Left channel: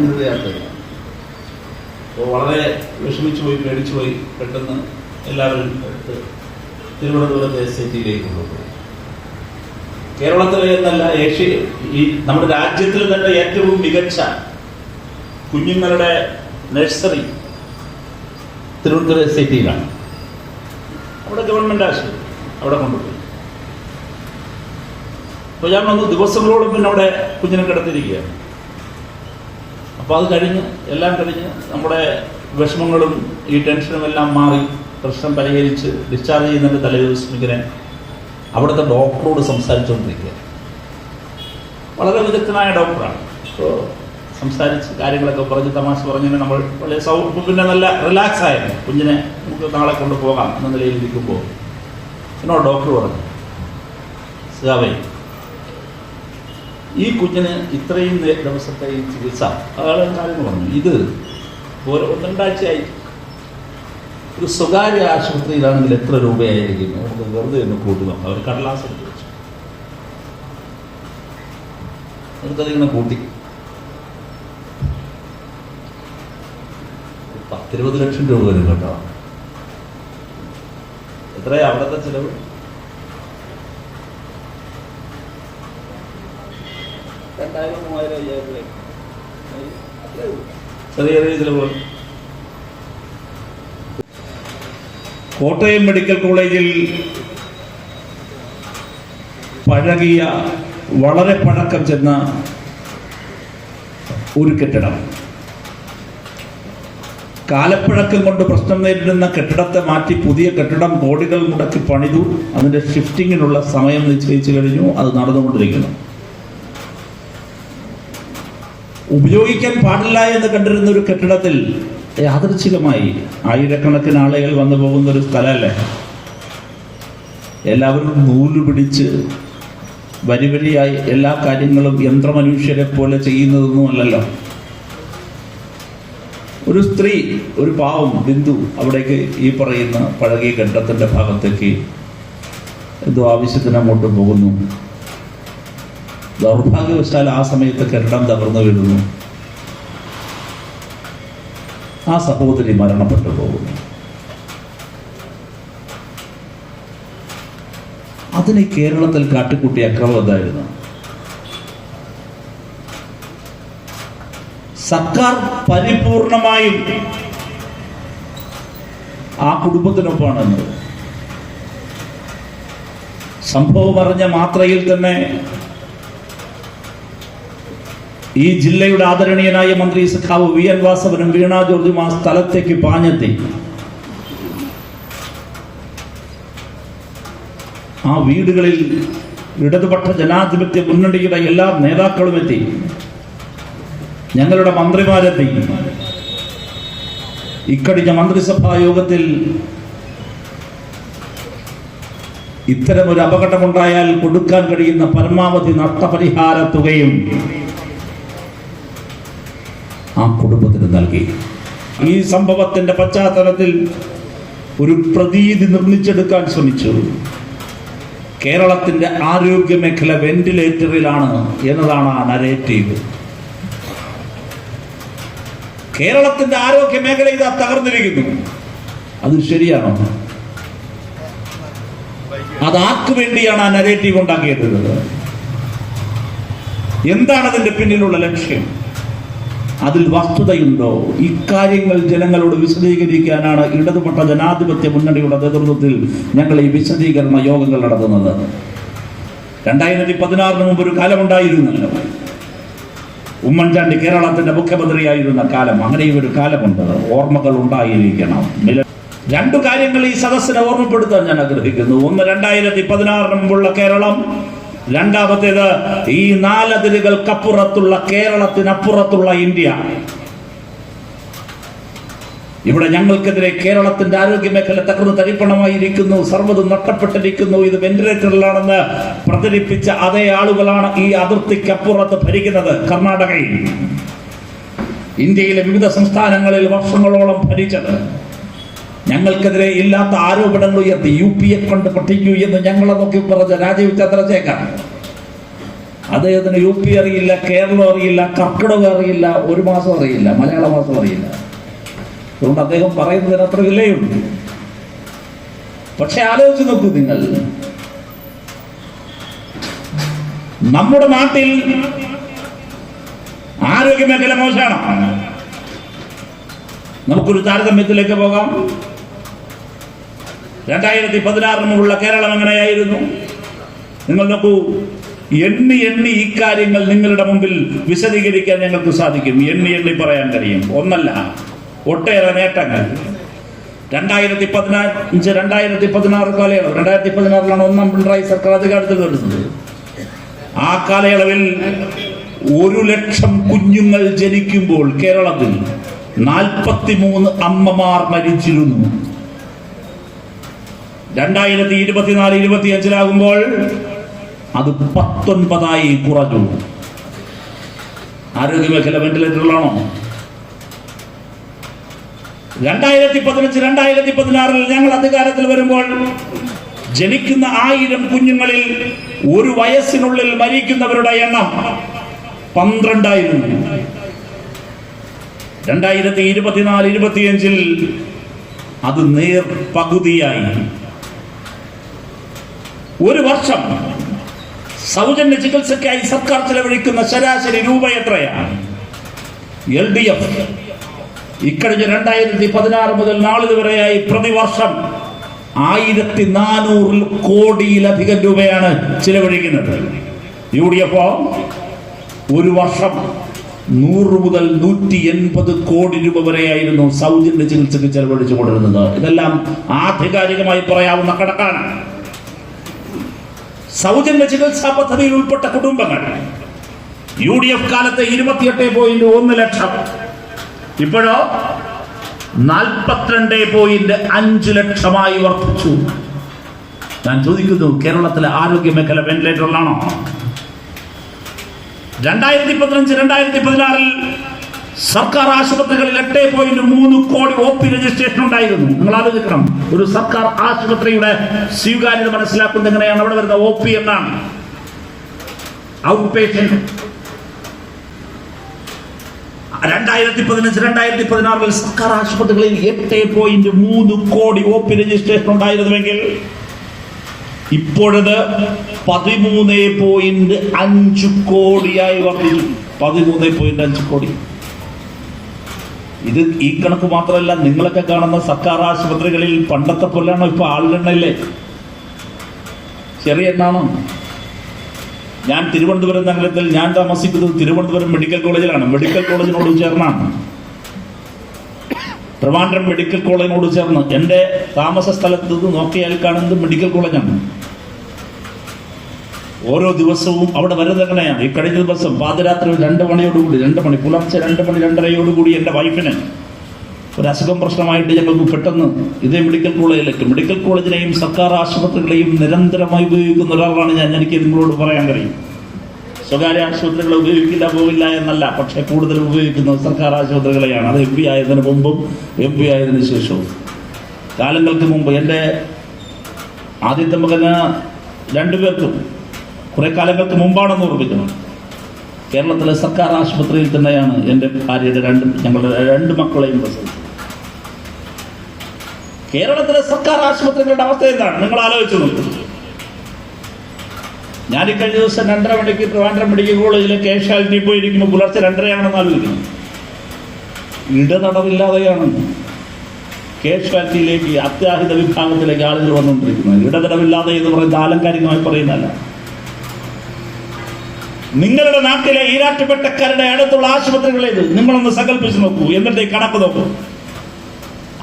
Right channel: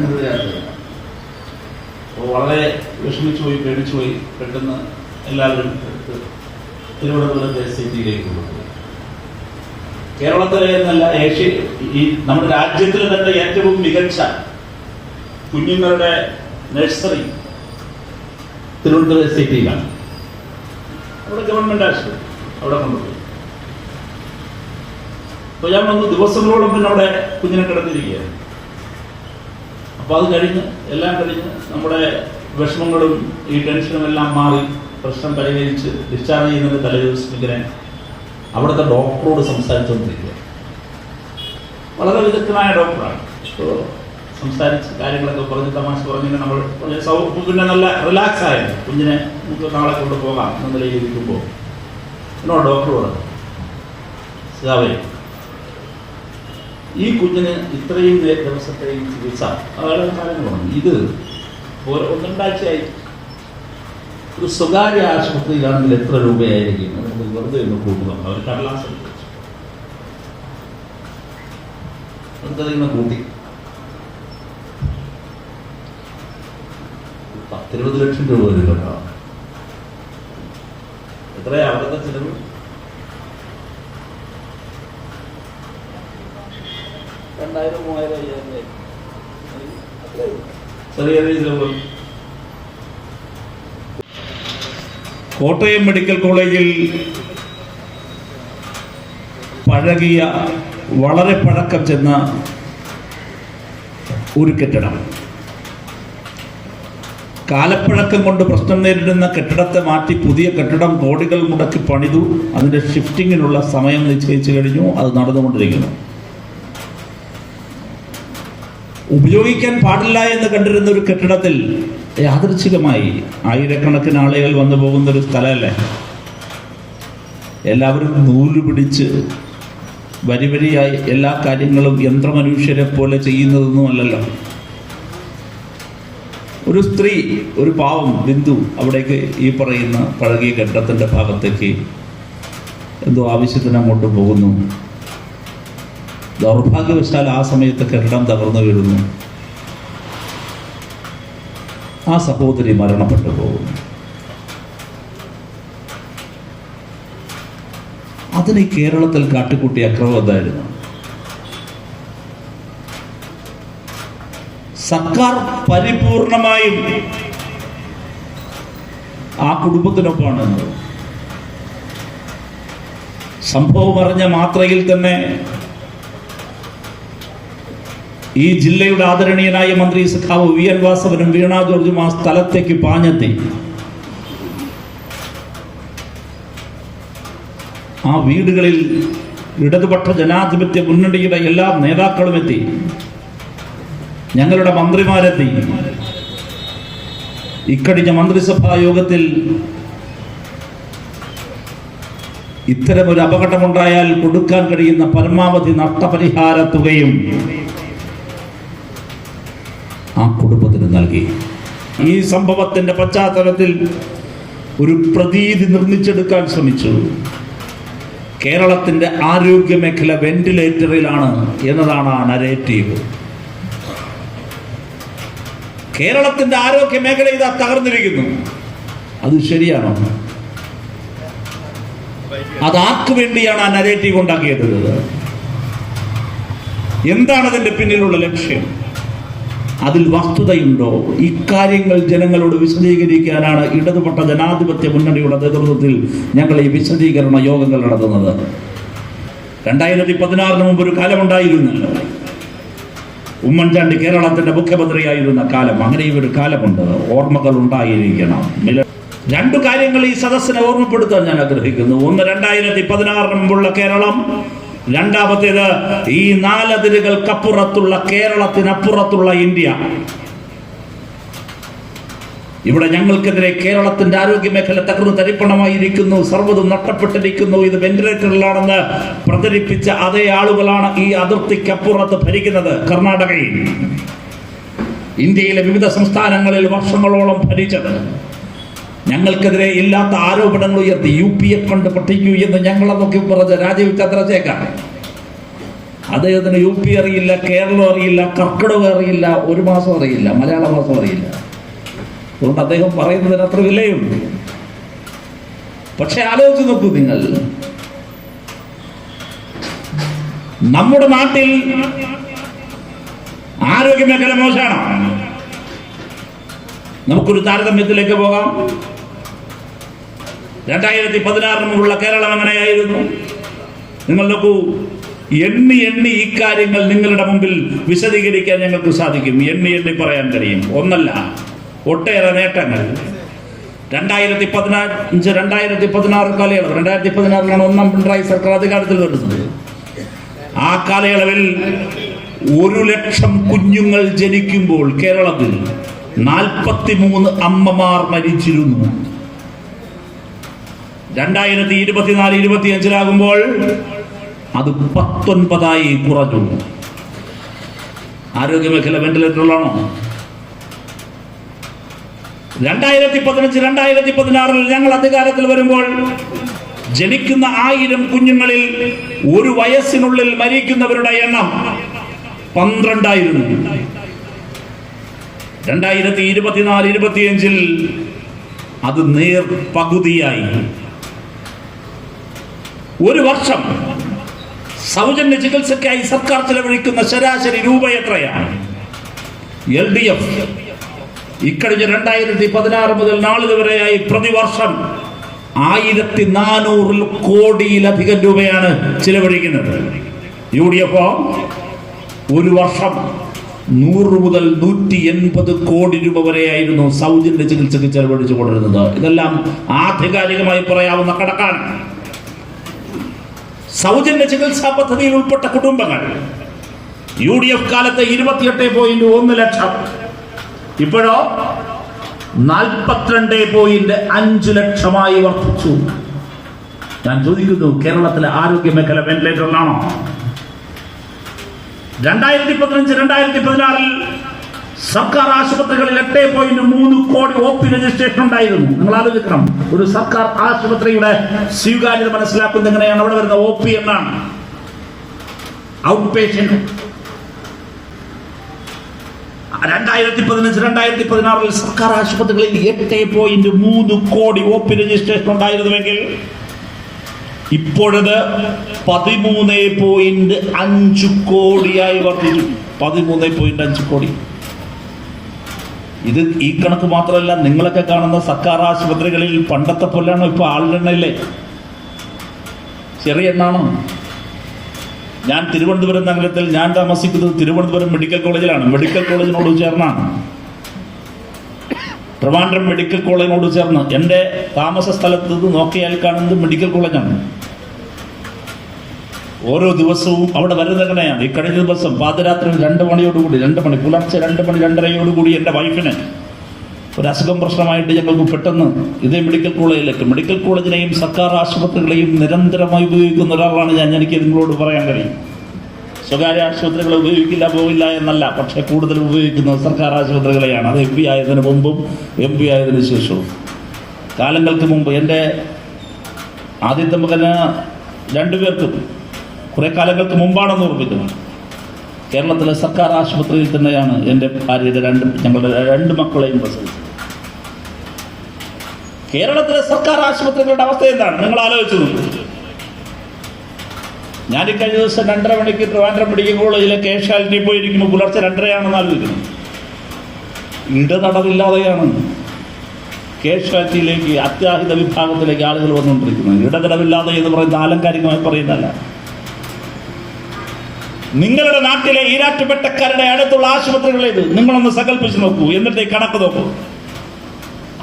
ഞാനൊരു അപ്പോൾ വളരെ വിഷമിച്ചു പോയി പെട്ടെന്ന് എല്ലാവരും എടുത്ത് തിരുവനന്തപുരത്തെ സിറ്റിയിലേക്ക് കൊണ്ടുപോയി. കേരളത്തിലെ എന്നല്ല ഏഷ്യ ഈ നമ്മുടെ രാജ്യത്തിൽ തന്നെ ഏറ്റവും മികച്ച കുഞ്ഞുങ്ങളുടെ നഴ്സറി തിരുവനന്തപുരം സിറ്റിയിലാണ് അവിടെ ഗവൺമെന്റ് ആശുപത്രി അവിടെ കൊണ്ടുപോയി. അപ്പൊ ഞാൻ വന്ന് ദിവസങ്ങളോടൊപ്പം അവിടെ കുഞ്ഞിനെ കിടന്നിരിക്കുകയാണ് അപ്പൊ അത് കഴിഞ്ഞ് എല്ലാം കഴിഞ്ഞ് നമ്മുടെ വിഷമങ്ങളും ഈ ടെൻഷനും എല്ലാം മാറി പ്രശ്നം പരിഹരിച്ച് ഡിസ്ചാർജ് ചെയ്യുന്നതിന്റെ തലേദിവസം ഇങ്ങനെ അവിടുത്തെ ഡോക്ടറോട് സംസാരിച്ചുകൊണ്ടിരിക്കുക വളരെ വിദഗ്ധനായ ഡോക്ടറാണ്. സോ സംസാരിച്ച് കാര്യങ്ങളൊക്കെ പറഞ്ഞ് തമാശ പറഞ്ഞു നമ്മൾ പിന്നെ നല്ല റിലാക്സ് ആയിരുന്നു. കുഞ്ഞിനെ നമുക്ക് നാളെ കൊണ്ടുപോകാം എന്ന നിലയിൽ ഇരിക്കുമ്പോൾ എന്നോട് ഡോക്ടർ പറഞ്ഞു ഈ കുഞ്ഞിന് ഇത്രയും ദിവസത്തെ ഈ ചികിത്സ. അതാണ് കാര്യങ്ങളാണ് ഇത് ഒരു രണ്ടാഴ്ചയായി. ഒരു സ്വകാര്യ ആശുപത്രിയിലാണെങ്കിൽ എത്ര രൂപയായിരിക്കും? അവർക്ക് വെറുതെ ഒന്ന് കൂട്ടുക. അവർ കടലാസ് കൂട്ടി. പത്തിരുപത് ലക്ഷം രൂപ വരും കേട്ടോ. എത്രയാ അവിടുത്തെ ചിലവ്? രണ്ടായിരം മൂവായിരം അയ്യായിരം രൂപ. ചെറിയ ചെറിയ ചിലവുകൾ. കോട്ടയം മെഡിക്കൽ കോളേജിൽ പഴകിയ വളരെ പഴക്കം ചെന്ന ഒരു കെട്ടിടം. കാലപ്പഴക്കം കൊണ്ട് പ്രശ്നം നേരിടുന്ന കെട്ടിടത്തെ മാറ്റി പുതിയ കെട്ടിടം കോടികൾ മുടക്കി പണിതു. അതിന്റെ ഷിഫ്റ്റിങ്ങിനുള്ള സമയം നിശ്ചയിച്ചു കഴിഞ്ഞു. അത് നടന്നുകൊണ്ടിരിക്കുന്നു. ഉപയോഗിക്കാൻ പാടില്ല എന്ന് കണ്ടിരുന്ന ഒരു കെട്ടിടത്തിൽ യാദൃച്ഛികമായി ആയിരക്കണക്കിന് ആളുകൾ വന്നു പോകുന്ന ഒരു സ്ഥലമല്ലേ? എല്ലാവരും നൂൽ പിടിച്ച് വരി വരിയായി എല്ലാ കാര്യങ്ങളും യന്ത്രമനുഷ്യരെ പോലെ ചെയ്യുന്നതൊന്നുമല്ലല്ലോ ഒരു സ്ത്രീ ഒരു പാവം ബിന്ദു അവിടേക്ക് ഈ പറയുന്ന പഴകിയ കെട്ടിടത്തിന്റെ ഭാഗത്തേക്ക് എന്തോ ആവശ്യത്തിന് അങ്ങോട്ട് പോകുന്നു. ദൗർഭാഗ്യവശാൽ ആ സമയത്ത് കെട്ടിടം തകർന്നു വീഴുന്നു. ആ സഹോദരി മരണപ്പെട്ടു പോകുന്നു. അതിന് കേരളത്തിൽ കാട്ടിക്കൂട്ടിയ അക്രമം എന്തായിരുന്നു? സർക്കാർ പരിപൂർണമായും ആ കുടുംബത്തിനൊപ്പമാണ്. സംഭവം അറിഞ്ഞ മാത്രയിൽ തന്നെ ഈ ജില്ലയുടെ ആദരണീയനായ മന്ത്രി സഖാവ് വി എൻ വാസവനും വീണ ജോർജും ആ സ്ഥലത്തേക്ക് പാഞ്ഞെത്തി. ആ വീടുകളിൽ ഇടതുപക്ഷ ജനാധിപത്യ മുന്നണിയുടെ എല്ലാ നേതാക്കളും എത്തി. ഞങ്ങളുടെ മന്ത്രിമാരെത്തി. ഇക്കഴിഞ്ഞ മന്ത്രിസഭാ യോഗത്തിൽ ഇത്തരമൊരു അപകടമുണ്ടായാൽ കൊടുക്കാൻ കഴിയുന്ന പരമാവധി നഷ്ടപരിഹാര തുകയും ആ കുടുംബത്തിന് നൽകി. ഈ സംഭവത്തിന്റെ പശ്ചാത്തലത്തിൽ ഒരു പ്രതീതി നിർമ്മിച്ചെടുക്കാൻ ശ്രമിച്ചു. കേരളത്തിന്റെ ആരോഗ്യ മേഖല വെന്റിലേറ്ററിലാണ് എന്നതാണ് ആ നരേറ്റീവ് കേരളത്തിന്റെ ആരോഗ്യ മേഖല ഇതാ തകർന്നിരിക്കുന്നു. അത് ശരിയാണോ? അത് ആർക്കു വേണ്ടിയാണ് ആ നരേറ്റീവ് ഉണ്ടാക്കിയത്? എന്താണ് അതിന്റെ പിന്നിലുള്ള ലക്ഷ്യം? അതിൽ വസ്തുതയുണ്ടോ? ഇക്കാര്യങ്ങൾ ജനങ്ങളോട് വിശദീകരിക്കാനാണ് ഇടതുപെട്ട ജനാധിപത്യ മുന്നണിയുടെ നേതൃത്വത്തിൽ ഞങ്ങൾ ഈ വിശദീകരണ യോഗങ്ങൾ നടത്തുന്നത്. രണ്ടായിരത്തി പതിനാറിന് മുമ്പ് ഒരു കാലമുണ്ടായിരുന്നല്ലോ. ഉമ്മൻചാണ്ടി കേരളത്തിന്റെ മുഖ്യമന്ത്രിയായിരുന്ന കാലം. അങ്ങനെയും ഒരു കാലമുണ്ട്. ഓർമ്മകൾ ഉണ്ടായിരിക്കണം. രണ്ടു കാര്യങ്ങൾ ഈ സദസ്സിനെ ഓർമ്മപ്പെടുത്താൻ ഞാൻ ആഗ്രഹിക്കുന്നു. ഒന്ന് രണ്ടായിരത്തി പതിനാറിന് മുമ്പുള്ള കേരളം. രണ്ടാമത്തേത് ഈ നാലതിരുകൾക്കപ്പുറത്തുള്ള കേരളത്തിനപ്പുറത്തുള്ള ഇന്ത്യ. ഇവിടെ ഞങ്ങൾക്കെതിരെ കേരളത്തിന്റെ ആരോഗ്യ മേഖല തകർന്നു തരിപ്പണമായിരിക്കുന്നു സർവതും നഷ്ടപ്പെട്ടിരിക്കുന്നു. ഇത് വെന്റിലേറ്ററിലാണെന്ന് പ്രചരിപ്പിച്ച അതേ ആളുകളാണ് ഈ അതിർത്തിക്കപ്പുറത്ത് ഭരിക്കുന്നത്. കർണാടകയിൽ. ഇന്ത്യയിലെ വിവിധ സംസ്ഥാനങ്ങളിൽ വർഷങ്ങളോളം ഭരിച്ചത്. ഞങ്ങൾക്കെതിരെ ഇല്ലാത്ത ആരോപണങ്ങൾ ഉയർത്തി യു പി എ ഫണ്ട് പൊട്ടിക്കൂ എന്ന് ഞങ്ങളെ നോക്കി പറഞ്ഞ രാജീവ് ചന്ദ്രശേഖർ. അദ്ദേഹത്തിന് യു പി അറിയില്ല കേരളം അറിയില്ല കർക്കിടകം അറിയില്ല ഒരു മാസം അറിയില്ല മലയാള മാസം അറിയില്ല. അതുകൊണ്ട് അദ്ദേഹം പറയുന്നതിന് അത്ര വിലയുണ്ട്. പക്ഷെ ആലോചിച്ച് നോക്കൂ നിങ്ങൾ. നമ്മുടെ നാട്ടിൽ ആരോഗ്യ മേഖല മോശമാണ്. നമുക്കൊരു താരതമ്യത്തിലേക്ക് പോകാം. രണ്ടായിരത്തി പതിനാറിന് മുമ്പുള്ള കേരളം എങ്ങനെയായിരുന്നു? നിങ്ങൾ നോക്കൂ എണ്ണി എണ്ണി ഇക്കാര്യങ്ങൾ നിങ്ങളുടെ മുമ്പിൽ വിശദീകരിക്കാൻ ഞങ്ങൾക്ക് സാധിക്കും. എണ്ണി എണ്ണി പറയാൻ കഴിയും. ഒന്നല്ല ഒട്ടേറെ നേട്ടങ്ങൾ. രണ്ടായിരത്തി പതിനഞ്ച് രണ്ടായിരത്തി പതിനാറ് കാലയളവ്. രണ്ടായിരത്തി പതിനാറിലാണ് ഒന്നാം പിണറായി സർക്കാർ അധികാരത്തിൽ വരുന്നത്. ആ കാലയളവിൽ ഒരു ലക്ഷം കുഞ്ഞുങ്ങൾ ജനിക്കുമ്പോൾ കേരളത്തിൽ നാൽപ്പത്തി മൂന്ന് അമ്മമാർ മരിച്ചിരുന്നു. രണ്ടായിരത്തി ഇരുപത്തിനാല് ഇരുപത്തിയഞ്ചിലാകുമ്പോൾ അത് പത്തൊൻപതായി കുറഞ്ഞു. ആരോഗ്യമേഖല വെന്റിലേറ്ററിലാണോ? രണ്ടായിരത്തി പതിനഞ്ച് രണ്ടായിരത്തി പതിനാറിൽ ഞങ്ങൾ അധികാരത്തിൽ വരുമ്പോൾ ജനിക്കുന്ന ആയിരം കുഞ്ഞുങ്ങളിൽ ഒരു വയസ്സിനുള്ളിൽ മരിക്കുന്നവരുടെ എണ്ണം പന്ത്രണ്ടായിരുന്നു. രണ്ടായിരത്തി ഇരുപത്തിനാല് ഇരുപത്തിയഞ്ചിൽ അത് നേർ പകുതിയായി ഒരു വർഷം സൗജന്യ ചികിത്സയ്ക്കായി സർക്കാർ ചെലവഴിക്കുന്ന ശരാശരി രൂപ എത്രയാണ്? L D F. ഇക്കഴിഞ്ഞ രണ്ടായിരത്തി പതിനാറ് മുതൽ നാളിത് വരെയായി പ്രതിവർഷം ആയിരത്തി നാനൂറ് കോടിയിലധികം രൂപയാണ് ചിലവഴിക്കുന്നത്. യു ഡി എഫ് ഒരു വർഷം നൂറ് മുതൽ നൂറ്റി എൺപത് കോടി രൂപ വരെയായിരുന്നു സൗജന്യ ചികിത്സയ്ക്ക് ചെലവഴിച്ചു കൊണ്ടിരുന്നത്. ഇതെല്ലാം ആധികാരികമായി പറയാവുന്ന കണക്കാണ്. സൗജന്യ ചികിത്സാ പദ്ധതിയിൽ ഉൾപ്പെട്ട കുടുംബങ്ങൾ. യു ഡി എഫ് കാലത്ത് ഇരുപത്തിയെട്ട് പോയിന്റ് ഒന്ന് ലക്ഷം. ഇപ്പോഴോ നാൽപ്പത്തിരണ്ട് പോയിന്റ് അഞ്ച് ലക്ഷമായി വർദ്ധിച്ചു. ഞാൻ ചോദിക്കുന്നു കേരളത്തിലെ ആരോഗ്യ മേഖല വെന്റിലേറ്ററിലാണോ രണ്ടായിരത്തി പതിനഞ്ച് രണ്ടായിരത്തി പതിനാറിൽ സർക്കാർ ആശുപത്രികളിൽ എട്ട് പോയിന്റ് മൂന്ന് കോടി ഒ പി രജിസ്ട്രേഷൻ ഉണ്ടായിരുന്നു. നിങ്ങൾ ആലോചിക്കണം. ഒരു സർക്കാർ ആശുപത്രിയുടെ സ്വീകാര്യത മനസ്സിലാക്കുന്നത് എങ്ങനെയാണ്? അവിടെ വരുന്ന ഒ പി എന്നാണ്. ഔട്ട് പേഷ്യന്റ് രണ്ടായിരത്തി പതിനഞ്ച് രണ്ടായിരത്തി പതിനാറിൽ സർക്കാർ ആശുപത്രികളിൽ എട്ട് പോയിന്റ് മൂന്ന് കോടി ഒ പി രജിസ്ട്രേഷൻ ഉണ്ടായിരുന്നുവെങ്കിൽ ഇപ്പോഴത് പതിമൂന്ന് പോയിന്റ് അഞ്ച് കോടിയായി വർദ്ധിച്ചു പതിമൂന്ന് പോയിന്റ് അഞ്ച് കോടി. ഇത് ഈ കണക്ക് മാത്രമല്ല നിങ്ങളൊക്കെ കാണുന്ന സർക്കാർ ആശുപത്രികളിൽ പണ്ടത്തെ പോലെയാണ് ഇപ്പൊ ആളിലെണ്ണയില്ലേ ചെറിയ എണ്ണാണോ. ഞാൻ തിരുവനന്തപുരം നഗരത്തിൽ ഞാൻ താമസിക്കുന്നത് തിരുവനന്തപുരം മെഡിക്കൽ കോളേജിലാണ്. മെഡിക്കൽ കോളേജിനോട് ചേർന്നാണ്. ട്രിവാൻഡ്രം മെഡിക്കൽ കോളേജിനോട് ചേർന്ന്. എന്റെ താമസ സ്ഥലത്ത് നിന്ന് നോക്കിയാൽ കാണുന്നത് മെഡിക്കൽ കോളേജാണ്. ഓരോ ദിവസവും അവിടെ വരുന്ന എങ്ങനെയാണ്? ഈ കഴിഞ്ഞ ദിവസം പാതിരാത്രി രണ്ട് മണിയോടുകൂടി രണ്ട് മണി പുലർച്ചെ രണ്ട് മണി രണ്ടരയോടുകൂടി എന്റെ വൈഫിന് ഒരു അസുഖം പ്രശ്നമായിട്ട് ഞങ്ങൾക്ക് പെട്ടെന്ന് ഇതേ മെഡിക്കൽ കോളേജിലേക്ക് മെഡിക്കൽ കോളേജിനെയും സർക്കാർ ആശുപത്രികളെയും നിരന്തരമായി ഉപയോഗിക്കുന്ന ഒരാളാണ് ഞാൻ. എനിക്ക് നിങ്ങളോട് പറയാൻ കഴിയും. സ്വകാര്യ ആശുപത്രികളെ ഉപയോഗിക്കില്ല പോകില്ല എന്നല്ല പക്ഷെ കൂടുതൽ ഉപയോഗിക്കുന്നത് സർക്കാർ ആശുപത്രികളെയാണ്. അത് എം പി ആയതിനു മുമ്പും എം പി ആയതിനു ശേഷവും. കാലങ്ങൾക്ക് മുമ്പ് എന്റെ ആദ്യത്തെ മകന് രണ്ടുപേർക്കും കുറെ കാലങ്ങൾക്ക് മുമ്പാണെന്ന് ഓർമ്മിക്കുന്നു. കേരളത്തിലെ സർക്കാർ ആശുപത്രിയിൽ തന്നെയാണ് എന്റെ ഭാര്യയുടെ രണ്ട് ഞങ്ങളുടെ രണ്ട് മക്കളെയും പ്രസവിച്ചത്. കേരളത്തിലെ സർക്കാർ ആശുപത്രികളുടെ അവസ്ഥ എന്താണ്? നിങ്ങൾ ആലോചിച്ചു ഞാൻ ഈ കഴിഞ്ഞ ദിവസം രണ്ടര മണിക്ക് ട്രിവാൻഡ്രം മെഡിക്കൽ കോളേജിലെ കേശാലിനി പോയിരിക്കുമ്പോൾ പുലർച്ചെ രണ്ടരയാണെന്ന് ആലോചിക്കുന്നു. ഇടതടവില്ലാതെയാണ് കേശാലിറ്റിയിലേക്ക് അത്യാഹിത വിഭാഗത്തിലേക്ക് ആളുകൾ വന്നുകൊണ്ടിരിക്കുന്നത്. ഇടതടവില്ലാതെ എന്ന് പറയുന്നത് ആലങ്കാരികമായി പറയുന്നതല്ല. നിങ്ങളുടെ നാട്ടിലെ ഈരാറ്റുപെട്ടക്കാരുടെ അടുത്തുള്ള ആശുപത്രികളിൽ നിങ്ങളൊന്ന് സങ്കല്പിച്ച് നോക്കൂ. എന്നിട്ട് കണക്ക് നോക്കൂ.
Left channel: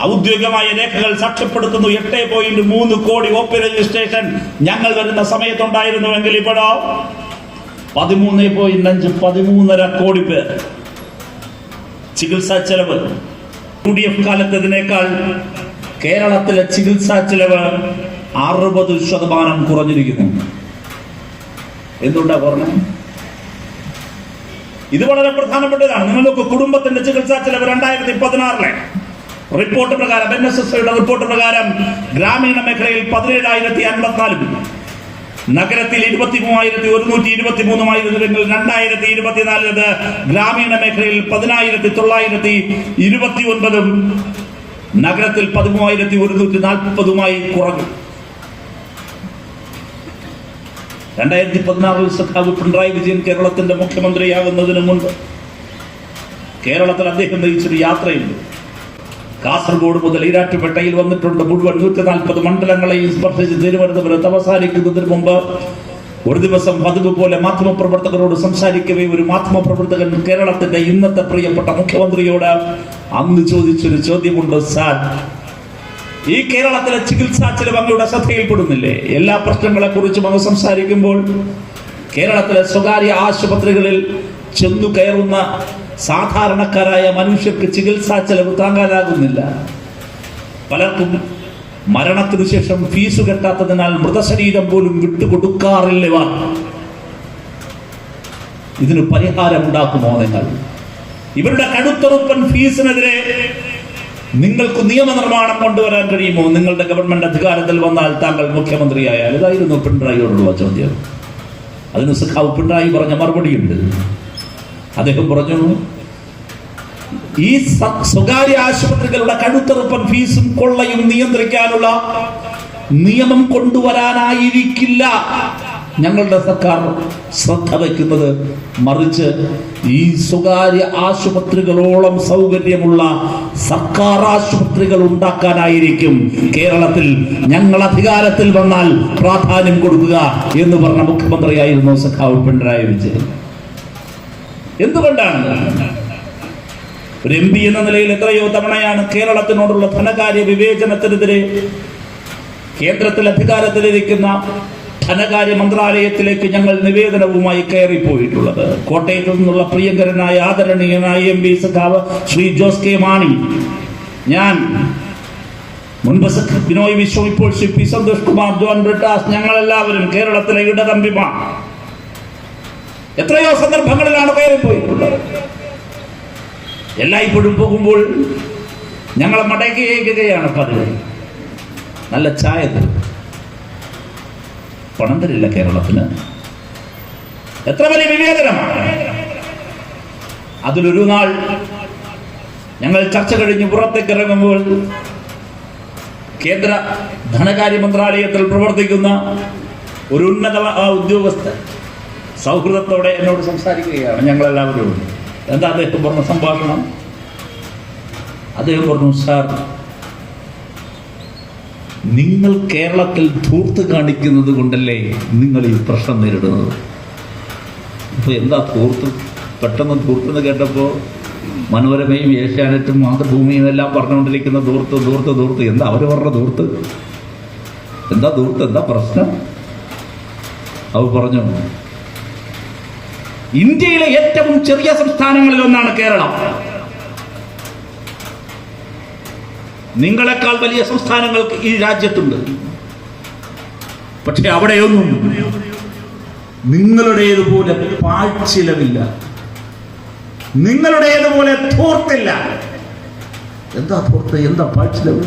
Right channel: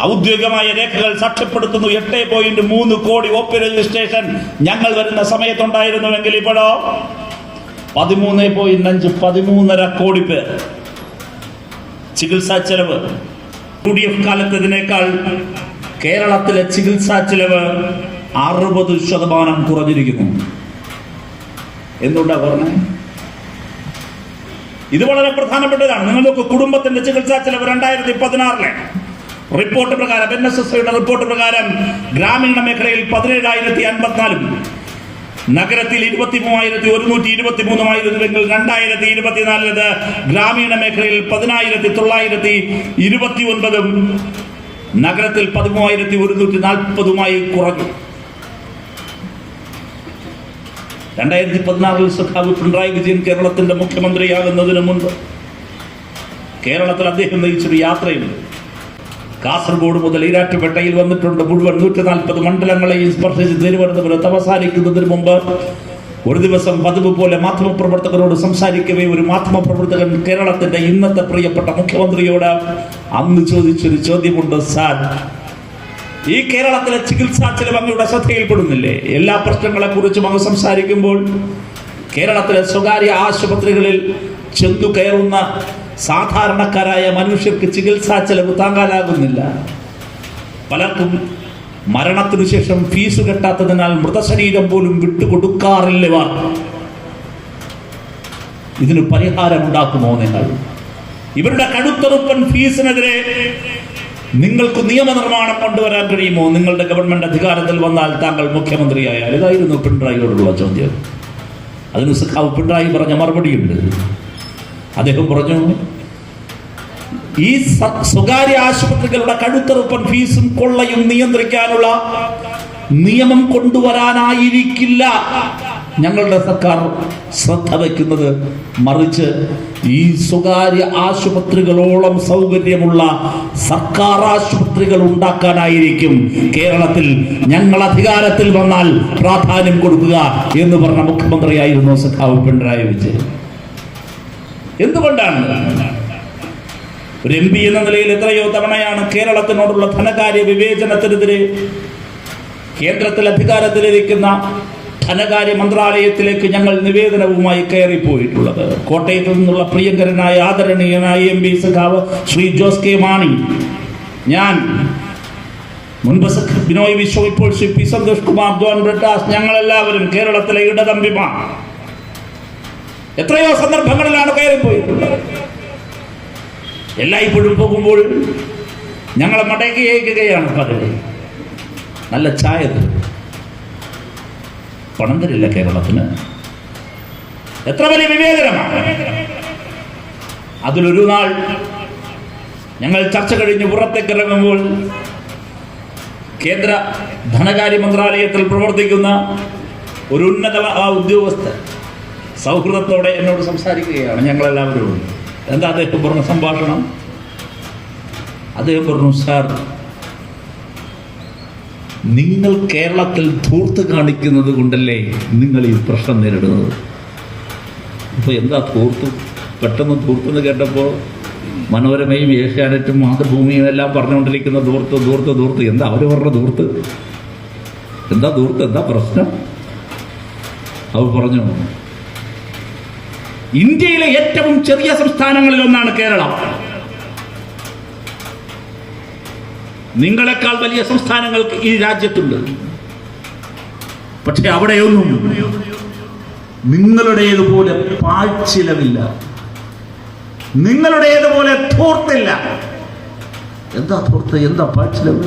ഔദ്യോഗികമായ രേഖകൾ സാക്ഷ്യപ്പെടുത്തുന്നു. എട്ട് പോയിന്റ് മൂന്ന് കോടി ഒ പി രജിസ്ട്രേഷൻ ഞങ്ങൾ വരുന്ന സമയത്തുണ്ടായിരുന്നുവെങ്കിൽ ഇപ്പോഴോ? പതിമൂന്ന് പോയിന്റ് അഞ്ച് പതിമൂന്നര കോടി പേർ. ചികിത്സാ ചെലവ്. യു ഡി എഫ് കാലത്തതിനേക്കാൾ കേരളത്തിലെ ചികിത്സാ ചെലവ് അറുപത് ശതമാനം കുറഞ്ഞിരിക്കുന്നു. എന്തുകൊണ്ടാ പറഞ്ഞത് ഇത് വളരെ പ്രധാനപ്പെട്ടതാണ്. നിങ്ങൾക്ക് കുടുംബത്തിന്റെ ചികിത്സാ ചെലവ് രണ്ടായിരത്തി പതിനാറിലെ റിപ്പോർട്ട് പ്രകാരം എൻ എസ് എസ് റിപ്പോർട്ട് പ്രകാരം ഗ്രാമീണ മേഖലയിൽ പതിനേഴായിരത്തി അൻപത്തിനാലും നഗരത്തിൽ ഇരുപത്തി മൂവായിരത്തി ഒരുന്നൂറ്റി ഇരുപത്തി മൂന്നുമായിരുന്നുവെങ്കിൽ രണ്ടായിരത്തി ഇരുപത്തിനാലിൽ ഗ്രാമീണ മേഖലയിൽ പതിനായിരത്തി തൊള്ളായിരത്തി ഇരുപത്തി ഒൻപതും നഗരത്തിൽ പതിമൂവായിരത്തി ഒരുന്നൂറ്റി നാൽപ്പതുമായി കുറഞ്ഞു. രണ്ടായിരത്തി പതിനാറിൽ സഖാവ് പിണറായി വിജയൻ കേരളത്തിന്റെ മുഖ്യമന്ത്രിയാകുന്നതിന് മുൻപ് കേരളത്തിൽ അദ്ദേഹം നയിച്ചൊരു യാത്രയുണ്ട്. കാസർഗോഡ് മുതൽ ഈരാറ്റുപേട്ടയിൽ വന്നിട്ടുണ്ട്. മുഴുവൻ നൂറ്റി നാൽപ്പത് മണ്ഡലങ്ങളെയും സ്പർശിച്ച് തിരുവനന്തപുരത്ത് അവസാനിക്കുന്നതിന് മുമ്പ് ഒരു ദിവസം പതിവ് പോലെ മാധ്യമപ്രവർത്തകരോട് സംസാരിക്കവേ ഒരു മാധ്യമപ്രവർത്തകൻ കേരളത്തിന്റെ ഇന്നത്തെ പ്രിയപ്പെട്ട മുഖ്യമന്ത്രിയോട് അന്ന് ചോദിച്ചൊരു ചോദ്യമുണ്ട് സാർ ഈ കേരളത്തിലെ ചികിത്സാ ചെലവ് അങ്ങയുടെ ശ്രദ്ധയിൽപ്പെടുന്നില്ലേ? എല്ലാ പ്രശ്നങ്ങളെ കുറിച്ചും അങ്ങ് സംസാരിക്കുമ്പോൾ കേരളത്തിലെ സ്വകാര്യ ആശുപത്രികളിൽ ചെന്നു കയറുന്ന സാധാരണക്കാരായ മനുഷ്യർക്ക് ചികിത്സാ ചെലവ് താങ്ങാനാകുന്നില്ല. പലർക്കും മരണത്തിനു ശേഷം ഫീസ് കെട്ടാത്തതിനാൽ മൃതശരീരം പോലും വിട്ടുകൊടുക്കാറില്ല. ഇതിന് പരിഹാരം ഉണ്ടാക്കുമോ നിങ്ങൾ? ഇവരുടെ കടുത്തെറുപ്പൻ ഫീസിനെതിരെ നിങ്ങൾക്ക് നിയമനിർമ്മാണം കൊണ്ടുവരാൻ കഴിയുമോ? നിങ്ങളുടെ ഗവൺമെന്റ് അധികാരത്തിൽ വന്നാൽ താങ്കൾ മുഖ്യമന്ത്രിയായാൽ ഇതായിരുന്നു പിണറായിയോടുള്ള ചോദ്യം. അതിന് സഖാവ് പിണറായി പറഞ്ഞ മറുപടിയുണ്ട്. അദ്ദേഹം പറഞ്ഞു? ഈ സ്വകാര്യ ആശുപത്രികളുടെ കഴുത്തെറുപ്പൻ ഫീസും കൊള്ളയും നിയന്ത്രിക്കാനുള്ള നിയമം കൊണ്ടുവരാനായിരിക്കില്ല. ഞങ്ങളുടെ സർക്കാർ ശ്രദ്ധ വയ്ക്കുന്നത് മറിച്ച് ഈ സ്വകാര്യ ആശുപത്രികളോളം സൗകര്യമുള്ള സർക്കാർ ആശുപത്രികൾ ഉണ്ടാക്കാനായിരിക്കും കേരളത്തിൽ ഞങ്ങൾ അധികാരത്തിൽ വന്നാൽ പ്രാധാന്യം കൊടുക്കുക എന്ന് പറഞ്ഞ മുഖ്യമന്ത്രിയായിരുന്നു സഖാവ് പിണറായി വിജയൻ. എന്തുകൊണ്ടാണ്? ഒരു എം പി എന്ന നിലയിൽ എത്രയോ തവണയാണ് കേരളത്തിനോടുള്ള ധനകാര്യ വിവേചനത്തിനെതിരെ കേന്ദ്രത്തിൽ അധികാരത്തിലിരിക്കുന്ന ധനകാര്യ മന്ത്രാലയത്തിലേക്ക് ഞങ്ങൾ നിവേദനവുമായി കയറിപ്പോയിട്ടുള്ളത്. കോട്ടയത്ത് നിന്നുള്ള പ്രിയങ്കരനായ ആദരണീയനായ എം പി സഖാവ് ശ്രീ ജോസ് കെ മാണി. ഞാൻ മുൻപ് ബിനോയ് വിശ്വ ഇപ്പോൾ ശ്രീ പി സന്തോഷ് കുമാർ ജോൺ ബ്രിട്ടാസ് ഞങ്ങളെല്ലാവരും കേരളത്തിലെ ഇടതമ്പിമാർ. എത്രയോ സന്ദർഭങ്ങളിലാണ് കയറിപ്പോയിട്ടുള്ളത്. എല്ലായ്പ്പോഴും പോകുമ്പോൾ ഞങ്ങളെ മടക്കി അയക്കുകയാണ് പതിവ് നല്ല ചായ തരും. പണം തരില്ല കേരളത്തിന് എത്ര വലിയ വിവേചനമാണ് അതിലൊരു നാൾ ഞങ്ങൾ ചർച്ച കഴിഞ്ഞ് പുറത്തേക്ക് ഇറങ്ങുമ്പോൾ കേന്ദ്ര ധനകാര്യ മന്ത്രാലയത്തിൽ പ്രവർത്തിക്കുന്ന ഒരു ഉന്നത ഉദ്യോഗസ്ഥൻ സൗഹൃദത്തോടെ എന്നോട് സംസാരിക്കുകയാണ്. ഞങ്ങളെല്ലാവരും. എന്താ അദ്ദേഹം പറഞ്ഞ സംഭാഷണം? അദ്ദേഹം പറഞ്ഞു സാർ നിങ്ങൾ കേരളത്തിൽ ധൂർത്ത് കാണിക്കുന്നത് കൊണ്ടല്ലേ നിങ്ങൾ ഈ പ്രശ്നം നേരിടുന്നത്? അപ്പോൾ എന്താ ധൂർത്ത്? പെട്ടെന്ന് ധൂർത്തെന്ന് കേട്ടപ്പോൾ മനോരമയും ഏഷ്യാനെറ്റും മാതൃഭൂമിയും എല്ലാം പറഞ്ഞുകൊണ്ടിരിക്കുന്ന ധൂർത്ത് ധൂർത്ത് ധൂർത്ത്. എന്താ അവർ പറഞ്ഞ ധൂർത്ത്? എന്താ ധൂർത്ത്? എന്താ പ്രശ്നം? അവർ പറഞ്ഞു ഇന്ത്യയിലെ ഏറ്റവും ചെറിയ സംസ്ഥാനങ്ങളിൽ ഒന്നാണ് കേരളം. നിങ്ങളെക്കാൾ വലിയ സംസ്ഥാനങ്ങൾക്ക് ഈ രാജ്യത്തുണ്ട്. പക്ഷെ അവിടെയൊന്നും നിങ്ങളുടേതുപോലെ പാഴ്ചിലവില്ല. നിങ്ങളുടേതുപോലെ തോർത്തില്ല എന്താ തോർത്ത് എന്താ പാഴ്ചിലവ്?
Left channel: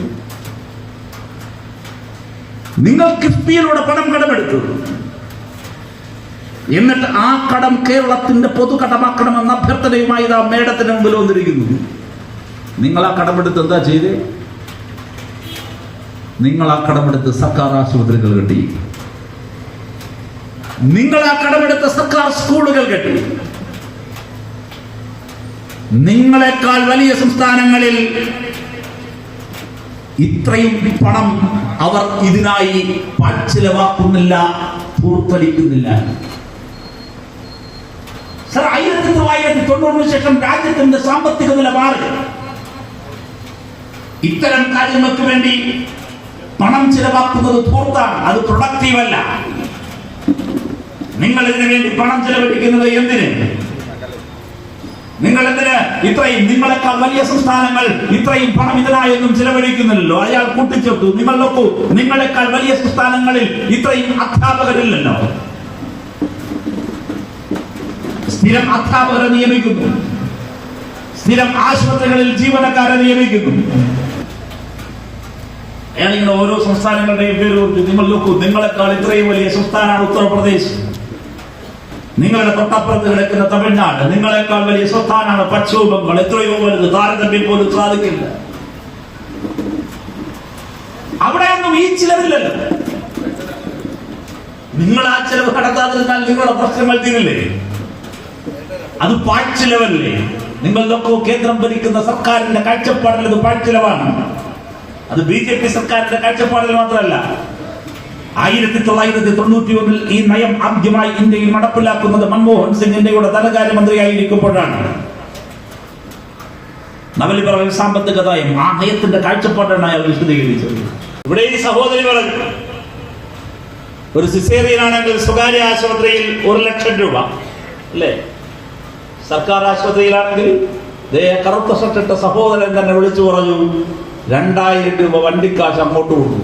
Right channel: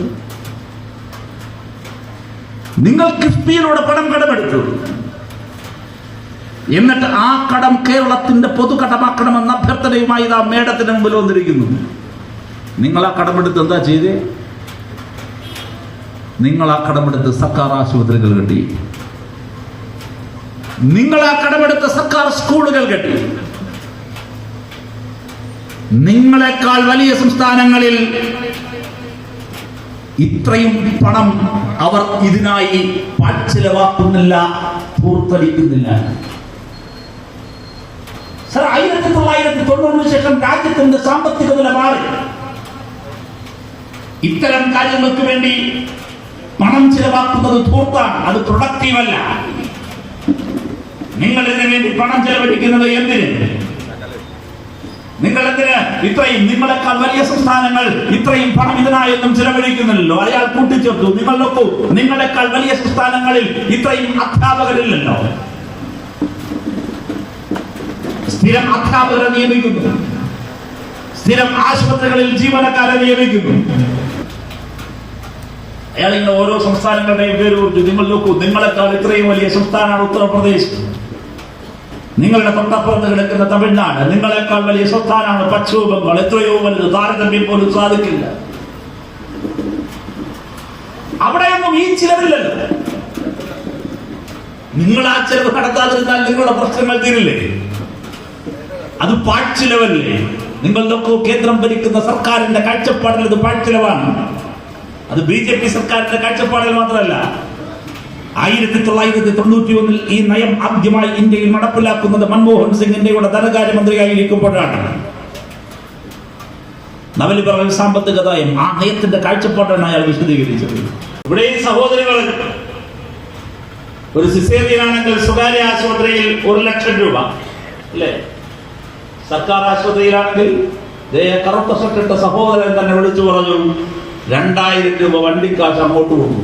നിങ്ങൾ കിഫ്ബിയിലൂടെ പണം കടമെടുത്തു. എന്നിട്ട് ആ കടം കേരളത്തിന്റെ പൊതുകടമാക്കണമെന്ന അഭ്യർത്ഥനയുമായി നാം മേടത്തിന് മുമ്പിൽ വന്നിരിക്കുന്നു. നിങ്ങൾ ആ കടമെടുത്ത് എന്താ ചെയ്തേ? നിങ്ങൾ ആ കടമെടുത്ത് സർക്കാർ ആശുപത്രികൾ കെട്ടി. നിങ്ങൾ ആ കടമെടുത്ത സർക്കാർ സ്കൂളുകൾ കെട്ടി. നിങ്ങളെക്കാൾ വലിയ സംസ്ഥാനങ്ങളിൽ ഇത്രയും പണം അവർ ഇതിനായി ചിലവാക്കുന്നില്ല പൂർത്തടിക്കുന്നില്ല. സർ ആയിരത്തി തൊള്ളായിരത്തി തൊണ്ണൂറിന് ശേഷം രാജ്യത്തിന്റെ സാമ്പത്തിക നില മാറി ഇത്തരം കാര്യങ്ങൾക്ക് വേണ്ടി പണം ചിലവാക്കുന്നത് ധൂർത്താണ് അത് പ്രൊഡക്റ്റീവ് അല്ല. നിങ്ങൾ ഇതിനു വേണ്ടി പണം ചിലവഴിക്കുന്നത്? എന്തിന്? നിങ്ങൾ എന്തിന് ഇത്രയും നിങ്ങളെക്കാൾ വലിയ സംസ്ഥാനങ്ങൾ ഇത്രയും പണം ഇതിനായൊന്നും ചിലവഴിക്കുന്നില്ലല്ലോ. അയാൾ കൂട്ടിച്ചേർത്തു. നിങ്ങൾ നോക്കൂ നിങ്ങളെക്കാൾ വലിയ സംസ്ഥാനങ്ങളിൽ ഇത്രയും അധ്യാപകരില്ലല്ലോ. സ്ഥിരം അധ്യാപകരെ നിയമിക്കുന്നു. സ്ഥിരം ആശുപത്രികളിൽ ജീവനക്കാരെ നിയമിക്കുന്നു. അയാൾ ഇങ്ങനെ ഓരോ സംസ്ഥാനങ്ങളുടെയും പേര് കുറിച്ച് നിങ്ങൾ നോക്കൂ നിങ്ങളെക്കാൾ ഇത്രയും വലിയ സംസ്ഥാനമാണ് ഉത്തർപ്രദേശ്. നിങ്ങളുടെ തൊട്ടപ്പുറത്ത് കിടക്കുന്ന തമിഴ്നാട് നിങ്ങളെക്കാൾ വലിയ സംസ്ഥാനമാണ് പശ്ചിമ ബംഗാൾ എത്രയോ വലുത് താരതമ്യം പോലും സാധിക്കില്ല. അവിടെയൊന്നും ഈ ചിലവില്ലല്ലോ നിങ്ങൾ ആ ചിലവ് കടക്കാതിരുന്നാൽ നിങ്ങളുടെ പ്രശ്നങ്ങൾ തീരില്ലേ? അത് പാഴ്ചിലവല്ലേ? നിങ്ങൾ നോക്കൂ കേന്ദ്രം ഭരിക്കുന്ന സർക്കാരിന്റെ കാഴ്ചപ്പാടിൽ ഇത് പാഴ്ചിലവാണ്. അത് ബി ജെ പി സർക്കാരിന്റെ കാഴ്ചപ്പാടിൽ മാത്രമല്ല. ആയിരത്തി തൊള്ളായിരത്തി തൊണ്ണൂറ്റി ഒന്നിൽ ഈ നയം ആദ്യമായി ഇന്ത്യയിൽ നടപ്പിലാക്കുന്നത് മൻമോഹൻ സിംഗ് ഇന്ത്യയുടെ ധനകാര്യമന്ത്രിയായിരിക്കുമ്പോഴാണ്. നവലിബറൽ സാമ്പത്തിക നയം ആ നയത്തിന്റെ കാഴ്ചപ്പാടാണ് അയാൾ വിശദീകരിച്ചത്. ഇവിടെ ഈ സഹോദരികൾ ഒരു സിസേറിയനാണെങ്കിൽ സ്വകാര്യ ആശുപത്രിയിൽ ഒരു ലക്ഷം രൂപ അല്ലേ? സർക്കാർ ആശുപത്രിയിലാണെങ്കിൽ കറുത്ത ഷർട്ടിട്ട സഹോദരൻ തന്നെ വിളിച്ചു പറഞ്ഞു രണ്ടായിരം രൂപ വണ്ടിക്കാശ് അങ്ങോട്ട് കൊടുത്തു.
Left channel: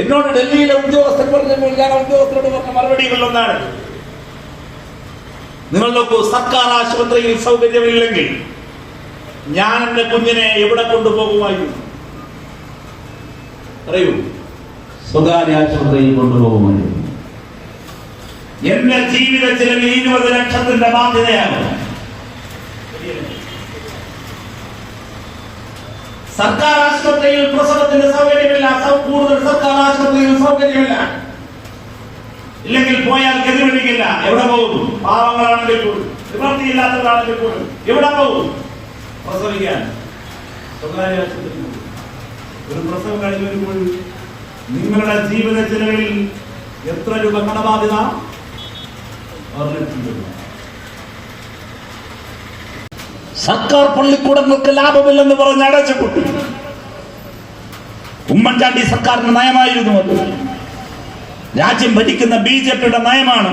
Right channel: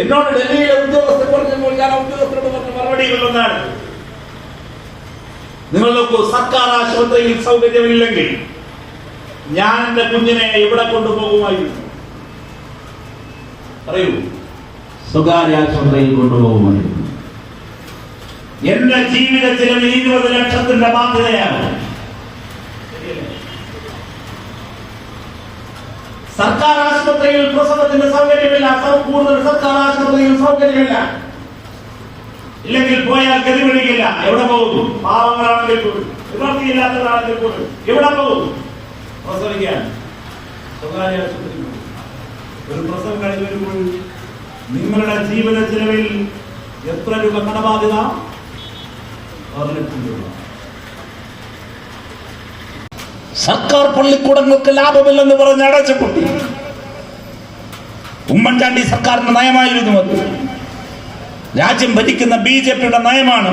എന്നോട് ഡൽഹിയിലെ ഉദ്യോഗസ്ഥർ പറഞ്ഞപ്പോൾ ഞാൻ ഉദ്യോഗസ്ഥരോട് പറഞ്ഞ മറുപടിയിൽ ഒന്നാണ്. നിങ്ങൾ നോക്കൂ സർക്കാർ ആശുപത്രിയിൽ സൗകര്യമില്ലെങ്കിൽ ഞാൻ എന്റെ കുഞ്ഞിനെ എവിടെ കൊണ്ടുപോകുമായിരുന്നു? പറയൂ സ്വകാര്യ ആശുപത്രിയിൽ കൊണ്ടുപോകുമായിരുന്നു. എന്റെ ജീവിതത്തിലും ഇരുപത് ലക്ഷത്തിന്റെ ബാധ്യതയാണ് സർക്കാർ ആശുപത്രിയിൽ പ്രസവത്തിന്റെ സൗകര്യമില്ല കൂടുതൽ സർക്കാർ ആശുപത്രിയിൽ സൗകര്യമില്ല. ഇല്ലെങ്കിൽ പോയാൽ ഗതിപിടിക്കില്ല എവിടെ പോകും? പാവങ്ങളാണെങ്കിൽ പോലും നിവർത്തിയില്ലാത്തവരാണെങ്കിൽ കൂടും. എവിടെ പോകും? പ്രസവിക്കാൻ. സ്വകാര്യ ആശുപത്രി ഒരു പ്രസവം കഴിഞ്ഞ് വരുമ്പോൾ നിങ്ങളുടെ ജീവിത ചെലവിൽ എത്ര രൂപ കടബാധ്യത? പതിനെട്ട് രൂപ. സർക്കാർ പള്ളിക്കൂടങ്ങൾക്ക് ലാഭമില്ലെന്ന് പറഞ്ഞ് അടച്ചുപൂട്ടി ഉമ്മൻചാണ്ടി സർക്കാരിന്റെ നയമായിരുന്നു അത്. രാജ്യം ഭരിക്കുന്ന ബി ജെ പിയുടെ നയമാണ്.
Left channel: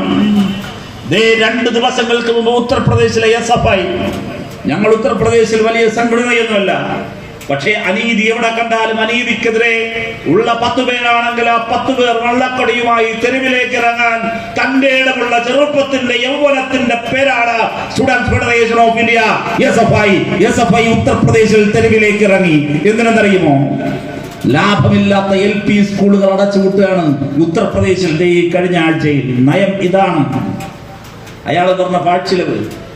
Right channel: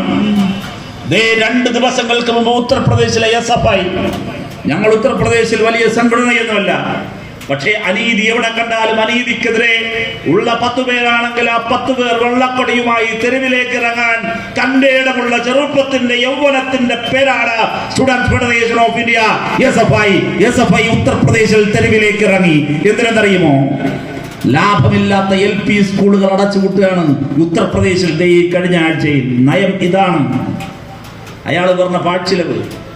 രണ്ട് ദിവസങ്ങൾക്ക് മുമ്പ് ഉത്തർപ്രദേശിലെ എസ് എഫ് ഐ ഞങ്ങൾ ഉത്തർപ്രദേശിൽ വലിയ സംഘടനയൊന്നുമല്ല. പക്ഷേ അനീതി എവിടെ കണ്ടാലും അനീതിക്കെതിരെ ഉള്ള പത്തു പേരാണെങ്കിൽ ആ പത്തു പേർ വെള്ളക്കൊടിയുമായി തെരുവിലേക്ക് ഇറങ്ങാൻ തന്റെ ഇടമുള്ള ചെറുപ്പത്തിന്റെ യൗവനത്തിന്റെ പേരാണ് student federation of India S F I S F I ഉത്തർപ്രദേശിൽ തെരുവിലേക്ക് ഇറങ്ങി. എന്തിനെന്നറിയുമോ? ലാഭമില്ലാത്ത എൽ പി സ്കൂളുകൾ അടച്ചുപൂട്ടുകയാണ് ഉത്തർപ്രദേശിന്റെ ഈ കഴിഞ്ഞ ആഴ്ചയിൽ. നയം ഇതാണ്. അയാൾ പറഞ്ഞ പാഴ്ചിലവ്.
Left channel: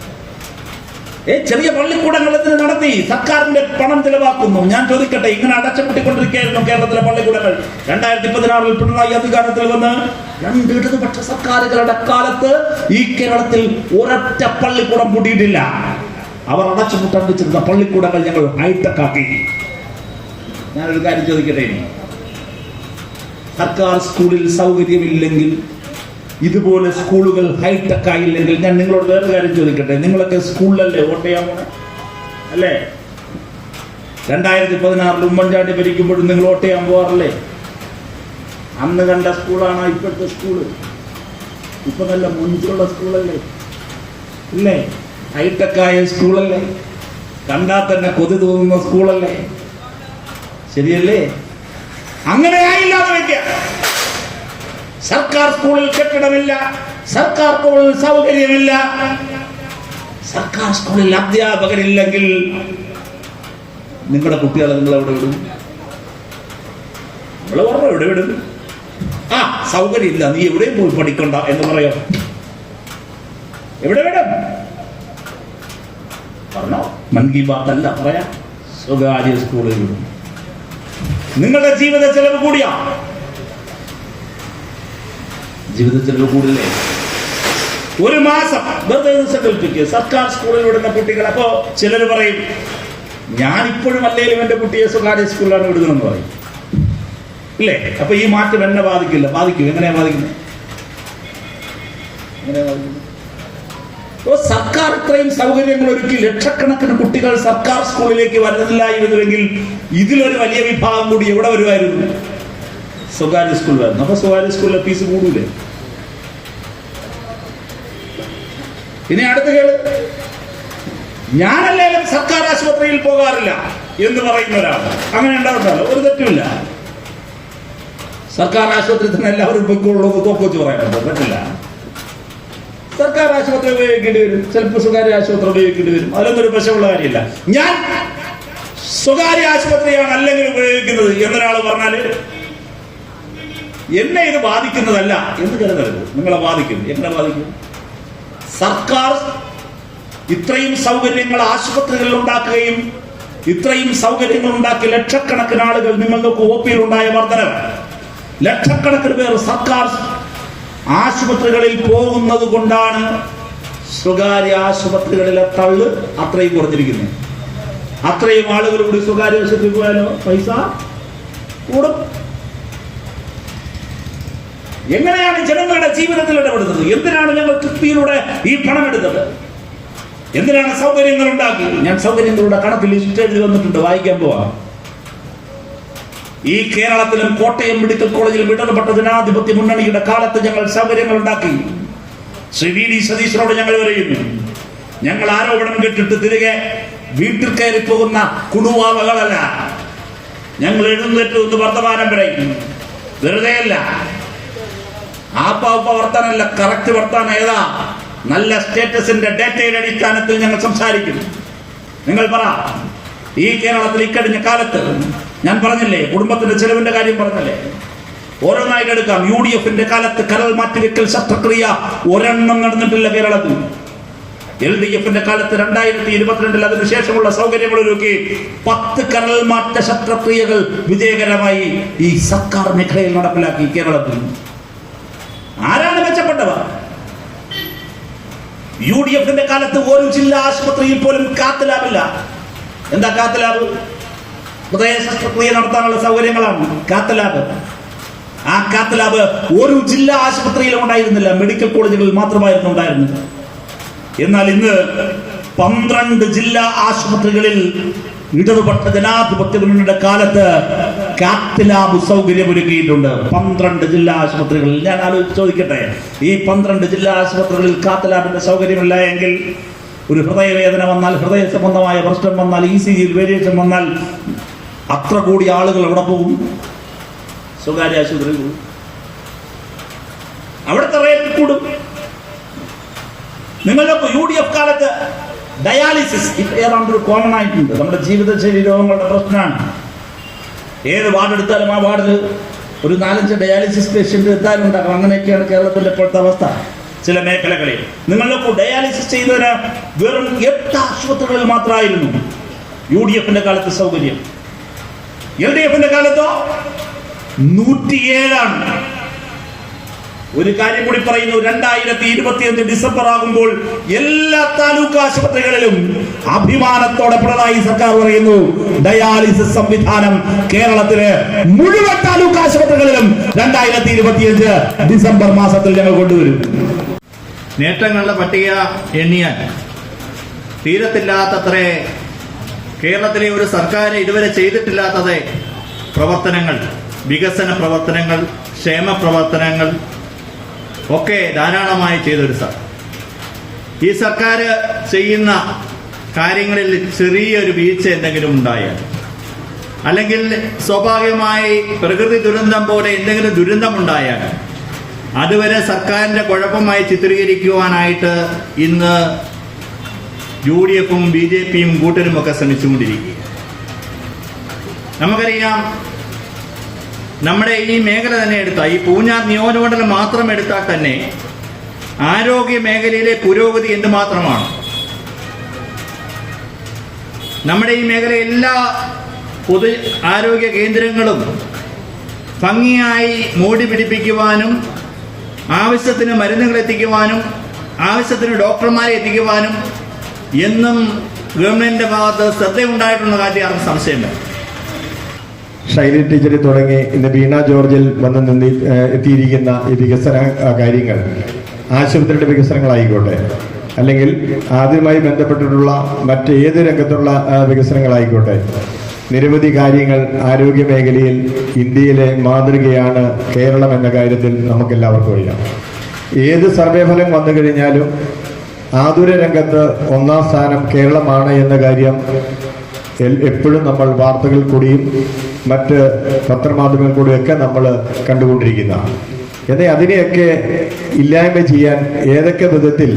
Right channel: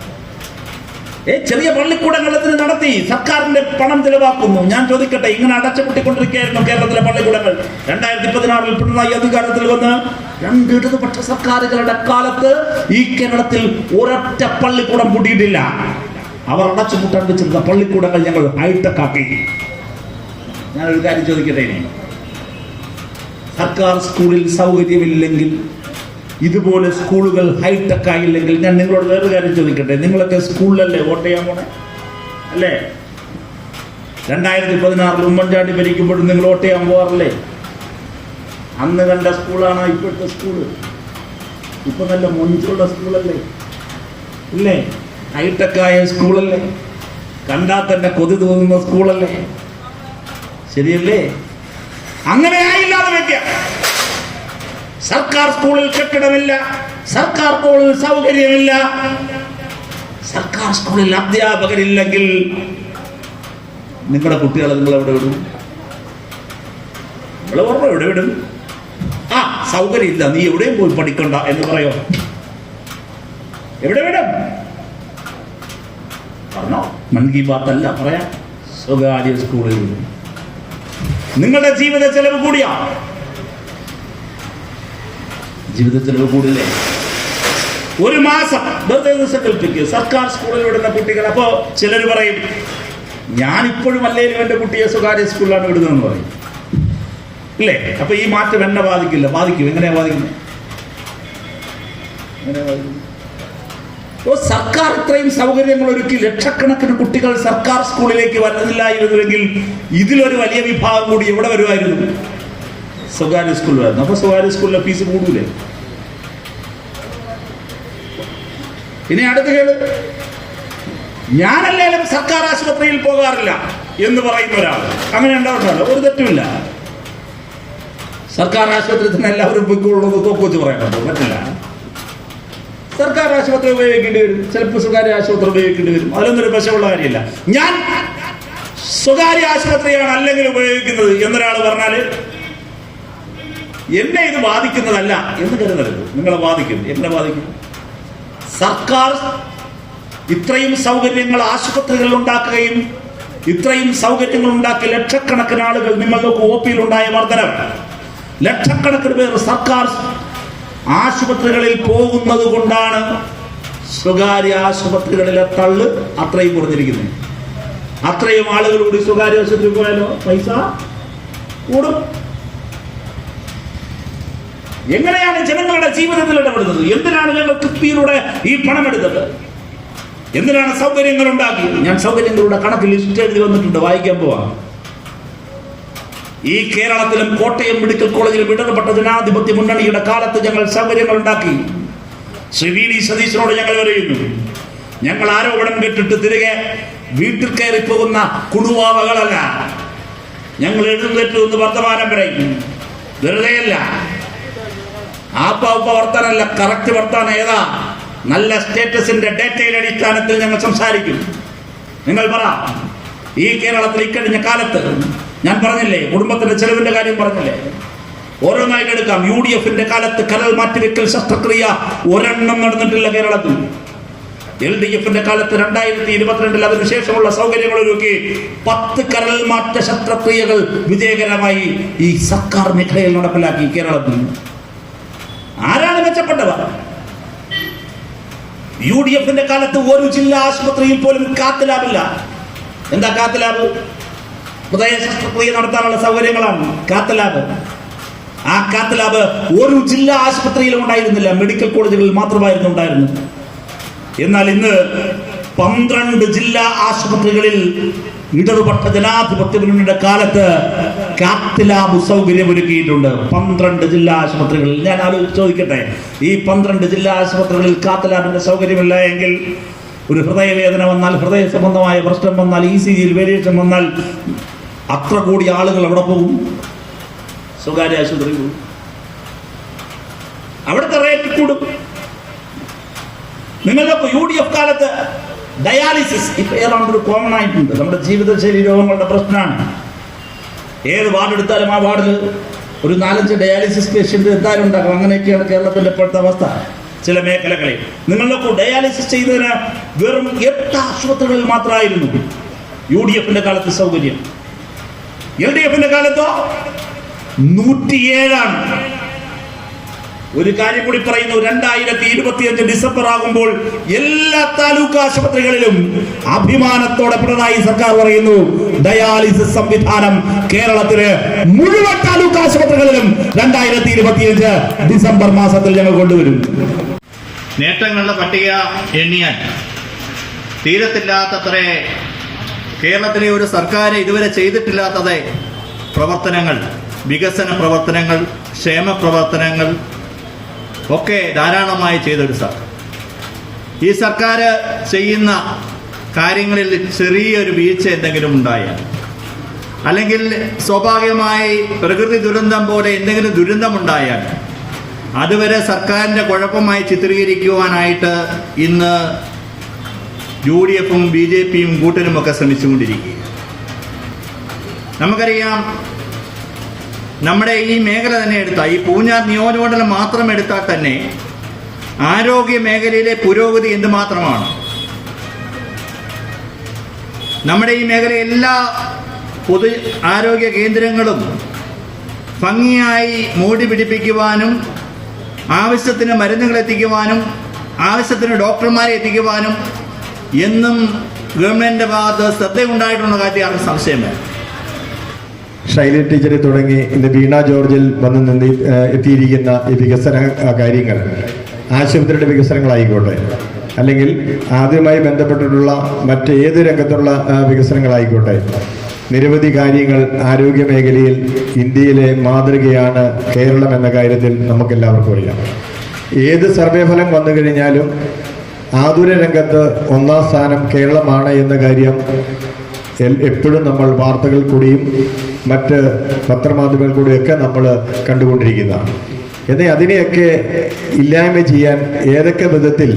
ഏ ചെറിയ പള്ളിക്കൂടങ്ങൾ ഇതിന് നടത്തി സർക്കാരിന്റെ പണം ചെലവാക്കുന്നു. ഞാൻ ചോദിക്കട്ടെ ഇങ്ങനെ അടച്ചുപൂട്ടിക്കൊണ്ടിരിക്കുകയായിരുന്നു കേരളത്തിലെ പള്ളിക്കൂടങ്ങൾ. രണ്ടായിരത്തി പതിനാറിൽ പിണറായി അധികാരത്തിൽ വന്ന് രണ്ട് ഇടതുപക്ഷ സർക്കാരുകളുടെ കാലത്ത് ഈ കേരളത്തിൽ ഒരൊറ്റ പള്ളിക്കൂടം കൂടിയിട്ടില്ല. അവർ അടച്ചുപൂട്ടാൻ വെച്ചിരുന്ന പള്ളിക്കൂടങ്ങൾ ഞങ്ങൾ ഹൈടെക്കാക്കി ഞാനൊരു കാര്യം ചോദിക്കട്ടെ? സർക്കാർ സ്കൂളിൽ സൗകര്യമില്ലെങ്കിൽ ഇതുപോലെ സ്കൂളുകൾ ഹൈടെക് ആയില്ലെങ്കിൽ ഞാൻ നിങ്ങളോട് വേറെ കാര്യം ചോദിക്കട്ടെ? നിങ്ങളൊക്കെ സ്കൂളിലല്ലേ വോട്ട് ചെയ്യാൻ പോണേ? അല്ലേ? രണ്ടായിരത്തി പതിനാറിൽ ഉമ്മൻചാണ്ടി ഭരിക്കുമ്പോഴും നിങ്ങൾ വോട്ട് ചെയ്യാൻ പോകാറില്ലേ അന്ന് കണ്ട സ്കൂളാണ് ഇപ്പോഴത്തെ സ്കൂൾ? ഇപ്പൊ നല്ല മുൻപുള്ള സ്കൂളല്ലേ? ഇല്ലേ? ഹൈടെക് ആയ സ്കൂളല്ലേ? കണ്ടാൽ തന്നെ കൊതി തോന്നുന്ന സ്കൂളല്ലേ? ശരിയല്ലേ? അങ്ങനെ ആയില്ലാതെ വെക്ക സർക്കാർ സ്കൂളിൽ കെട്ടിടമില്ല സർക്കാർ സ്കൂളിൽ സൗകര്യമില്ല. സർക്കാർ സ്കൂളിൽ അധ്യാപകരില്ലെങ്കിൽ നിങ്ങളുടെ കുട്ടികളെ നിങ്ങൾ എവിടെ വിടും? നിങ്ങൾ ഓർമ്മ എവിടെ വിടും? ആ സൗകര്യമില്ല നീ എവിടെയും പോയി പഠിക്കണ്ട എന്ന് പറയോ? എവിടെ വിടും? പറഞ്ഞോ? മൻ കി ബാത്ത് അല്ല പറയാം. സ്വകാര്യ സ്കൂളിൽ വിടും. നിങ്ങളുടെ ജീവിത ചെലവ് കൂടിയാ. ജീവിത ചെലവ് കൂടില്ലേ ഒരു മാസം വെറുതെ ദിവസം കൽപ്പിക്കുക സർക്കാർ സ്കൂളിൽ വിടുന്ന കുട്ടികൾ അപ്പോ ചിലർ പറയും ഞാൻ ഇപ്പോഴും അല്ലെങ്കിലും എന്റെ കുട്ടിയെ സ്വകാര്യ സ്കൂളിലാണ് വിടുന്നതെന്ന് പറയും. ഇല്ലേ? അപ്പൊ ഈ മാറ്റം എന്നെ ബാധിക്കില്ല. ബാധിക്കും. എങ്ങനെയാ ബാധിക്കുന്നത്? എങ്ങനെയാ സർക്കാർ ഇത്രയും സൗകര്യങ്ങൾ ഒരുക്കി ലക്ഷക്കണക്കിന് കുട്ടികൾ സർക്കാർ സ്കൂളിലേക്ക് വരുന്നില്ലായിരുന്നുവെങ്കിൽ ഇതിലൊരു വലിയ വിഭാഗം കൂടി എവിടെ വരുമായിരുന്നു? സ്വകാര്യ സ്കൂളിലായിരുന്നു അപ്പൊ സ്വകാര്യ സ്കൂളിലെ ഫീസ് കൂടൂലേ ഇനി അടുത്ത കേൾ. ഞാനല്ലേലും സർക്കാർ ആശുപത്രിയിൽ പോകാറില്ല എന്ന് പറയുന്ന ഒരാൾ. അങ്ങനെ ഉണ്ടാവുന്നുണ്ടോ ഒരു തെറ്റുമില്ല. സർക്കാർ ആശുപത്രി തന്നെ എല്ലാവരും പൊയ്ക്കൊള്ളുന്നത് തോക്കുവച്ച് പറയാനുണ്ടോ പറ്റില്ല സർക്കാർ ആശുപത്രി ഉപയോഗിക്കേണ്ടി വരും. ചിലപ്പോൾ സ്വകാര്യ ആശുപത്രി ഉപയോഗിക്കേണ്ടി വരും. അതിലൊന്നും ഒരു വശമുള്ള കാര്യമില്ല. ഞാൻ സ്വകാര്യ ആശുപത്രിയാണ് അല്ലെങ്കിൽ ഉപയോഗിക്കുന്നത് എന്നൊരാൾ പറഞ്ഞാൽ എന്നെ ഇത് ബാധിക്കുന്നതല്ല എന്ന് കരുതരുത്. നിങ്ങളെ ബാധിക്കും. എന്നെ ബാധിക്കും? സർക്കാർ ഇത്രയും സൗകര്യങ്ങൾ ആശുപത്രികളിൽ ഉണ്ടാക്കുകയും ഇത്രയും സൗകര്യങ്ങൾ ഉണ്ടാക്കി ലക്ഷക്കണക്കിന് ആളുകൾ നിങ്ങൾക്ക് ഒ പിയിൽ ഉണ്ടായ ലക്ഷക്കണക്കിന് പേർ സർക്കാർ ആശുപത്രികളിൽ പോകുന്നത് കൊണ്ടാണ് സ്വകാര്യ ആശുപത്രികളിലെ തള്ള് അത്രയും കുറഞ്ഞിരിക്കുന്നത്. അത്രയും ആളുകൾ കൂടി സ്വകാര്യ ആശുപത്രി പോയാലോ? പൈസ കൂടും. എങ്ങനെയാണ് ജനങ്ങളുടെ ജീവിതത്തിൽ ഇടപെടുന്നത്? എന്തിനാണ് ഞങ്ങൾ കിഫ്ബിയിലൂടെ ഈ പണം എടുത്തത്? എന്തിനാണ് സൗകര്യങ്ങൾ ഉണ്ടാക്കിയത്? ഞാൻ സൗകര്യങ്ങളുടെ കണക്ക് ലിസ്റ്റ് എഴുതി വന്നിട്ടുണ്ട്. വായിക്കാൻ പോവാം. ഈ കേരളത്തിലും കോട്ടയം മെഡിക്കൽ കോളേജിൽ ഇടപെട്ട ജനാധിപത്യ മുന്നണിയുടെ കാലത്ത് ഞങ്ങൾ സൗകര്യങ്ങൾ ഉണ്ടാക്കി. ശ്രീ വി ഡി സതീശനോട് ഞങ്ങൾ പറയുന്നു ഞങ്ങൾ ആരോപണം കേട്ടിട്ട് തിരികെ വീട്ടിൽ കയറി പോകുന്ന കുടുവാവകളല്ല. ഞങ്ങൾ എഴുന്നേറ്റ് വർത്തമാനം പറയും. വെറുതെയല്ല. ആപ്പ ഉപ്പ വർത്താനല്ല കറക്റ്റ് വർത്താനം ഏതാ? നല്ല സ്റ്റേറ്റസിന്റെ ഡേറ്റയുടെ അടിസ്ഥാനത്തിൽ ഞങ്ങൾ സംസാരിക്കും. നിങ്ങൾ പറ ഈ കേരളത്തിൽ ഇക്കഴിഞ്ഞ കാലത്ത് ഞാൻ പറഞ്ഞില്ലേ കുടുംബത്തിന്റെ ചെലവിന്റെ കാര്യം പറഞ്ഞില്ലേ? ഓരോന്നായിട്ട് എടുക്കാം. യു ഡി എഫിന്റെ കാലത്ത് കരൽ മാറ്റിവെക്കൽ ശസ്ത്രക്രിയ ഒരെണ്ണം നടന്നിട്ടില്ല കേരളത്തിൽ. എൽ ഡി എഫിന്റെ കാലത്ത് രണ്ടായിരത്തി ഇരുപത്തിരണ്ടിൽ അതിനുശേഷമുള്ള സൗകര്യങ്ങളൊരുക്കി പത്ത് കരൽ മാറ്റ ശസ്ത്രക്രിയകൾ വിജയകരമായി ഈ സർക്കാർ മേഖലയിൽ നടപ്പിലാക്കി കേരളത്തിൽ. ആരാണ് മെച്ചപ്പെട്ടവർ? യു ഡി എഫിന്റെ കാലത്ത് ഒരു ജില്ലാ ആശുപത്രിയിൽ പോലും കാത്ത് ലാബില്ല. എന്താ കാത്ത് ലാബ്? ഹൃദയ ശസ്ത്രക്രിയ നടത്താനുള്ള സൗകര്യങ്ങളാണ് കാത്ത് ലാബ്. ആ കാത്ത് ലാബ് ഒരു ജില്ലാ ആശുപത്രിയിലും ഉണ്ടായിരുന്നില്ല. മെഡിക്കൽ കോളേജുകളിൽ മാത്രമായിരുന്നു ഉണ്ടായിരുന്നത്. എന്നാൽ ഇന്ന് പന്ത്രണ്ട് ജില്ലാ ആശുപത്രികളിൽ ഇടതുപക്ഷ ജനാധിപത്യ മുന്നണിയുടെ കാലത്ത് കാത്ത് ലാബ് സൗകര്യം ഒരുക്കിയിട്ടുണ്ട്. പന്ത്രണ്ട് ജില്ലാ ആശുപത്രികളിൽ. ഞാൻ ചോദിക്കട്ടെ ഈ പന്ത്രണ്ട് ജില്ലാ ആശുപത്രികളിൽ കാത്തലാബിന്റെ സൗകര്യമില്ല എങ്കിൽ ഒരു ഹൃദയവേദന വന്നാൽ ഹൃദയ സംബന്ധമായ പ്രശ്നം വന്നാൽ ഇ സി ജിയിൽ വേരിയേഷൻ വന്നാൽ അത്ര കൂടി ആളുകൾ അവിടെ പോകും. സ്വകാര്യ ആശുപത്രി പോകും. അവിടുത്തെ റേറ്റ് കൂടും. നിങ്ങളുടെ യു ഡി എഫ് കാലത്ത് ഡയാലിസിസ്. ഇപ്പൊ ഏതാണ്ട് ഒരു കോമൺ ആയിട്ടുണ്ട് നമ്മുടെ ജീവിതശൈലി രോഗങ്ങളുടെ പ്രശ്നമാണ്. ഏത് വാർഡ് എടുത്താലും ആ വാർഡിൽ ഒരു നാലഞ്ച് ഡയാലിസിസ് പേഷ്യന്റ് എത്താനും ഉണ്ടാകും അങ്ങനെയൊക്കെയാണ് കേരളത്തിന്റെ ഇപ്പോഴത്തെ അവസ്ഥ ചില മേഖലകളിൽ. നിങ്ങളിലൊക്കെ ഡയാലിസിസ് ചെയ്തതിന് വെറും എട്ട് ആശുപത്രികളിൽ മാത്രമായിരുന്നു യു ഡി എഫിന്റെ കാലത്ത് സൗകര്യം. എൽ ഡി എഫിന്റെ കാലത്തോ നൂറ്റിയേഴാണ്. ഒരു കാര്യം കൂടി പറയുന്നു. രണ്ടായിരത്തി ഇരുപത്തിയഞ്ച് ഡിസംബർ ആകുമ്പോൾ എല്ലാ താലൂക്ക് ആശുപത്രികളിലും അഭിമാനത്തോടെ പിണറായി സർക്കാർ പറയുന്നു ഡയാലിസിസ് സംവിധാനം കേരളത്തിൽ മുഴുവൻ താലൂക്ക് ആശുപത്രികളിലും രണ്ടായിരത്തി ഇരുപത്തിയഞ്ച് ഡിസംബർ മാസത്തിൽ ഞങ്ങൾ കൊണ്ടുവരും. നേട്ടങ്ങളുടെ പട്ടിക എണ്ണിയാൽ തീരത്തില്ലാത്തത്ര കേരളത്തിലെ ഒരു സർക്കാർ ഇതുവരെ ചെയ്തിട്ടില്ലാത്തത് പ്രവർത്തനങ്ങൾ വികസന പ്രവർത്തനങ്ങൾ ക്ഷേമ പ്രവർത്തനങ്ങൾ ഒക്കെ ധാരാളമായി ചെയ്തൊരു സർ. ഈ സർക്കാർ ചെയ്യുന്ന കാര്യങ്ങളിൽ ചെറിയൊരു വീഴ്ച എന്തെങ്കിലും ഉണ്ടായാൽ അല്ലെങ്കിൽ സ്വാഭാവികമായി പ്രകൃതി ദുരന്തം പോലെ എന്തെങ്കിലും ദുരന്തമുണ്ടായാൽ അതുവരെ സർക്കാരിന്റെ കുഴപ്പമായി ചിത്രീകരിക്കുവാനായിട്ട് ഇന്ന് യു ഡി എഫും ബി ജെ പിയും കൂട്ടരുമൊക്കെ ശ്രമിച്ചുകൊണ്ടിരിക്കുക നമുക്കറിയാം നമ്മുടെ ഈ മേഖല തന്നെ എടുത്താൽ ഈ പൂഞ്ഞാർ നിയോജകമണ്ഡലം മാത്രം എടുത്താൽ തന്നെ ആരോഗ്യ മേഖലയിലെ പുരോഗതി എന്തുമാത്രമാണ് നമ്മുടെ ഈ മേഖല എല്ലാ പൊതു ആരോഗ്യ കേന്ദ്രങ്ങളും ഭംഗിയായി മൂടി പിടിപ്പിക്കുവാനും ആവശ്യത്തിന് മരുന്നുകൾ എത്തിക്കുവാനും ആവശ്യത്തിന് ഡോക്ടർമാരെ എത്തിക്കുവാനും എന്നും ഗവൺമെന്റിന്റെ ഭാഗത്ത് ശ്രദ്ധയുണ്ടായിട്ടുള്ള കാര്യം ആർക്കും സംശയം വേണം ഷൈനി ടീച്ചറിൽ തുടങ്ങി ഇന്ന് വീണ ജോർജിൽ വന്ന് നിന്ന് എത്തിയിരിക്കുന്ന ഈ വികസന കാര്യങ്ങൾ ആശുപത്രിയുടെ വികസനങ്ങളായിക്കോട്ടെ. അല്ലെങ്കിൽ ആദ്യമായി ബന്ധപ്പെട്ടിട്ടുള്ള മറ്റ് ഏത് രംഗത്തുള്ള വികസനങ്ങളായിക്കോട്ടെ. നിരവധി കാര്യങ്ങൾ ആരോഗ്യ മേഖലയിൽ ഇന്ത്യയിലെ മാതൃകയാണ് കേരളം എന്ന കാര്യത്തിൽ നമുക്കെല്ലാവർക്കും അറിയാം. ഏത് സർവേ ഫലം വന്നു കഴിഞ്ഞാലും ആതുര രംഗത്ത് ഒന്നാം സ്ഥാനം കേരളമാണ് എന്ന കാര്യം എപ്പോഴും നമ്മൾ വാർത്തകൾ കൂടിയും മറ്റ് പത്രമാധ്യമങ്ങൾ കൂടെയൊക്കെ നമ്മൾ കണ്ടുകൊണ്ടിരിക്കുന്നതാണ് എന്നാൽ അതിനെയൊക്കെ ഇല്ലായ്മ ചെയ്യാൻ ഏതൊക്കെ വിധത്തിൽ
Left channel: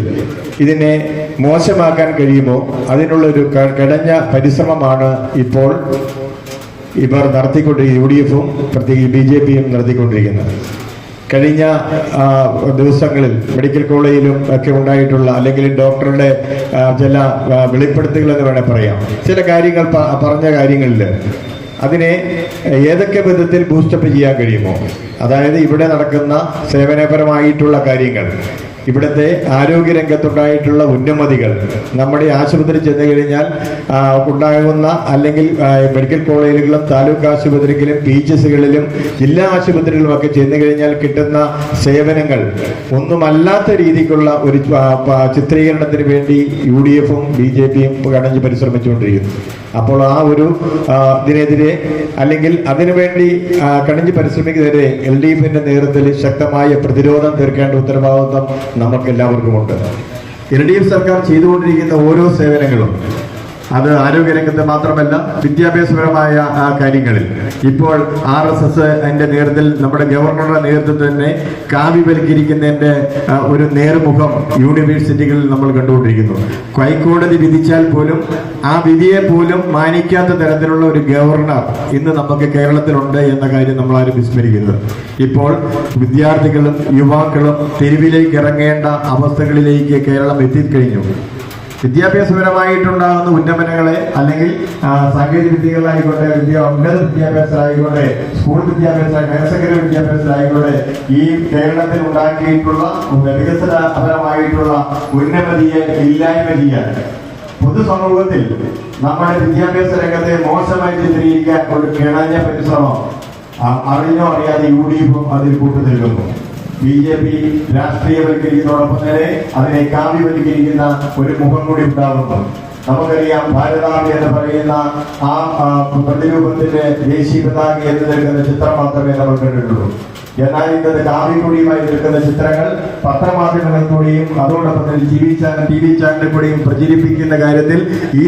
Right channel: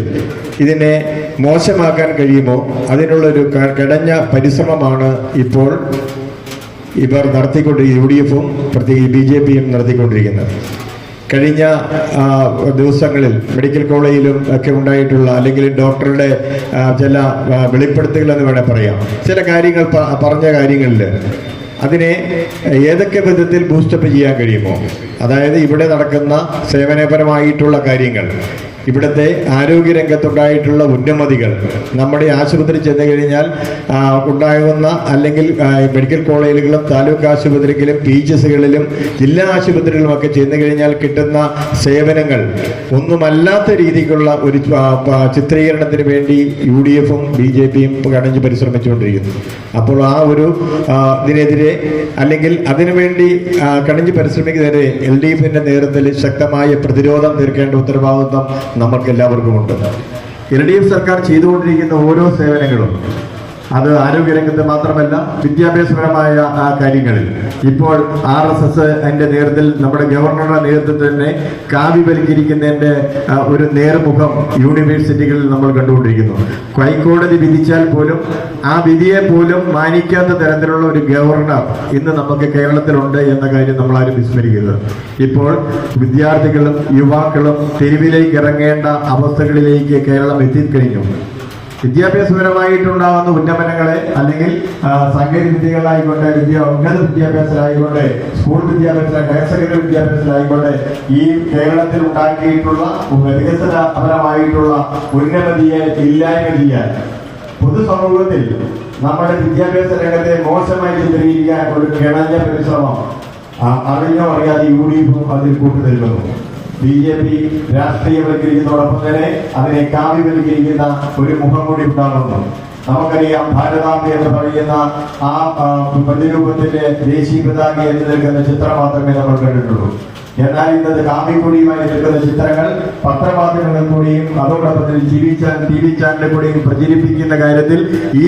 ഇതിനെ മോശമാക്കാൻ കഴിയുമോ? അതിനുള്ളൊരു കടഞ്ഞ പരിശ്രമമാണ് ഇപ്പോൾ ഇവർ നടത്തിക്കൊണ്ടിരിക്കുന്ന യു ഡി എഫും പ്രത്യേകിച്ച് ബി ജെ പിയും നടത്തിക്കൊണ്ടിരിക്കുന്നത്. കഴിഞ്ഞ ദിവസങ്ങളിൽ മെഡിക്കൽ കോളേജിലും ഒക്കെ ഉണ്ടായിട്ടുള്ള അല്ലെങ്കിൽ ഡോക്ടറുടെ ചില വെളിപ്പെടുത്തുകൾ എന്ന് വേണേൽ പറയാം. ചില കാര്യങ്ങൾ പറഞ്ഞ കാര്യങ്ങളിൽ അതിനെ ഏതൊക്കെ വിധത്തിൽ ബൂസ്റ്റപ്പ് ചെയ്യാൻ കഴിയുമോ? അതായത് ഇവിടെ നടക്കുന്ന സേവനപരമായിട്ടുള്ള കാര്യങ്ങൾ. ഇവിടുത്തെ ആരോഗ്യരംഗത്തുണ്ടായിട്ടുള്ള ഉന്നമതികൾ. നമ്മുടെ ആശുപത്രി ചെന്ന് കഴിഞ്ഞാൽ ഉണ്ടാകുന്ന അല്ലെങ്കിൽ മെഡിക്കൽ കോളേജുകളിലും താലൂക്ക് ആശുപത്രികളിലും പി എച്ച് എസുകളിലും ജില്ലാ ആശുപത്രികളിലും ഒക്കെ ചെന്ന് കഴിഞ്ഞാൽ കിട്ടുന്ന സേവനങ്ങൾ. ഒന്നുമല്ലാത്ത രീതിക്കുള്ള ഒരു ചിത്രീകരണത്തിന് വേണ്ടി യു ഡി എഫും ബി ജെ പിയും കടഞ്ഞ് പരിശ്രമിച്ചുകൊണ്ടിരിക്കുന്നു. അപ്പോൾ ആ ഒരു ഇതിനെതിരെ അല്ലെങ്കിൽ അതിനുവേണ്ടി കടഞ്ഞ് പരിശ്രമിക്കുന്നതിനെ എൽ ഡി എഫിന്റെ നേതൃത്വത്തിൽ ശക്തമായ പ്രതിരോധം തീർക്കേണ്ട ഉത്തരവാദിത്വം നമുക്ക് എല്ലാവർക്കുമുണ്ട് എൽ ഡി എഫ് സർക്കാർ ചെയ്തുകൊണ്ടിരിക്കുന്ന ഓരോ സേവനങ്ങളും അത് ആരോഗ്യരംഗത്ത് മാത്രമല്ല വിദ്യാഭ്യാസപരമായ ആ കാര്യങ്ങളിൽ ഇപ്പോൾ ആർ എസ് എസ് എന്റെ നേതൃത്വത്തിൽ നമ്മുടെ ഗവർണറുടെ നേതൃത്വത്തിൽ തന്നെ കാവ്യവൽക്കരിക്കുന്നതിന്റെ ഒരു നേർമുഖം യൂണിവേഴ്സിറ്റികളിൽ നമ്മൾ കണ്ടുകൊണ്ടിരിക്കുന്നു. ഹൈക്കോടതി വിധിച്ചാൽ പോലും ആ വിധിയെ പോലും മാനിക്കാത്ത തരത്തിലുള്ള ഒരു ഗവർണർ ഇന്ന് നമുക്ക് കേരളത്തിലുണ്ട് എന്ന കാര്യം നമ്മൾ ആരും വിസ്മരിക്കുന്നത് ഇപ്പോൾ വിദ്യാർത്ഥികളും യുവാക്കളും തെരുവിലേക്ക് ഇറങ്ങേണ്ട അവസ്ഥകളിലേക്ക് കേരളം എത്തിക്കഴിഞ്ഞു. വിദ്യാഭ്യാസപരമായിട്ടുണ്ടാകുന്ന ഉന്നമനങ്ങളെ അല്ലെങ്കിൽ സാങ്കേതിക വിദ്യകളായിക്കോട്ടെ വിദ്യ ഉന്നത വിദ്യാഭ്യാസത്തിലായിക്കോട്ടെ സ്കൂൾ വിദ്യാഭ്യാസ ഹയർ സെക്കൻഡറി വിദ്യാഭ്യാസത്തിലായിക്കോട്ടെ ഈ കേരളത്തിൽ ഉണ്ടാക്കിയിട്ടുള്ള വികസനപരമായിട്ടുള്ള ഉന്നമതിയെ ഇല്ലായ്മ ചെയ്യാൻ പൊതുസമൂഹത്തിൽ നമ്മുടെ വിദ്യാഭ്യാസ രംഗത്തെ മോശമായി ചിത്രീകരിക്കാൻ ഒരു കിണഞ്ഞ പരിശ്രമം അറിഞ്ഞോ അറിയാതെ യു ഡി എഫും അതിൽ കൂട്ടുനിൽക്കുന്നു. ബി ജെ പി രാഷ്ട്രീയവൽക്കരിക്കുന്നതോടൊപ്പം തന്നെ അതിനെ കാവ്യവൽക്കരിക്കുന്ന ഒരു മുഖം കൂടി ഉണ്ടാകുന്നു നമുക്കറിയാം ഭാരതാംബ എന്ന് പറയുന്ന ആ പ്രതിരൂപത്തിന്റെ ദേശീയ പതാക എന്ന് നിൽക്കുന്ന ചിത്രം മാത്രമേ നമ്മൾ കണ്ടിട്ടുള്ളൂ. എന്നാൽ ഇന്നത് കാവിക്കൊടിയുമായി നിൽക്കുന്ന ചിത്രങ്ങൾ പത്രമാധ്യമങ്ങളിൽ കൂടിയും അതോടൊപ്പം തന്നെ T V channel T V ചാനലിൽ കൂടിയും പ്രചരിപ്പിക്കുന്ന കാര്യത്തിൽ ഈ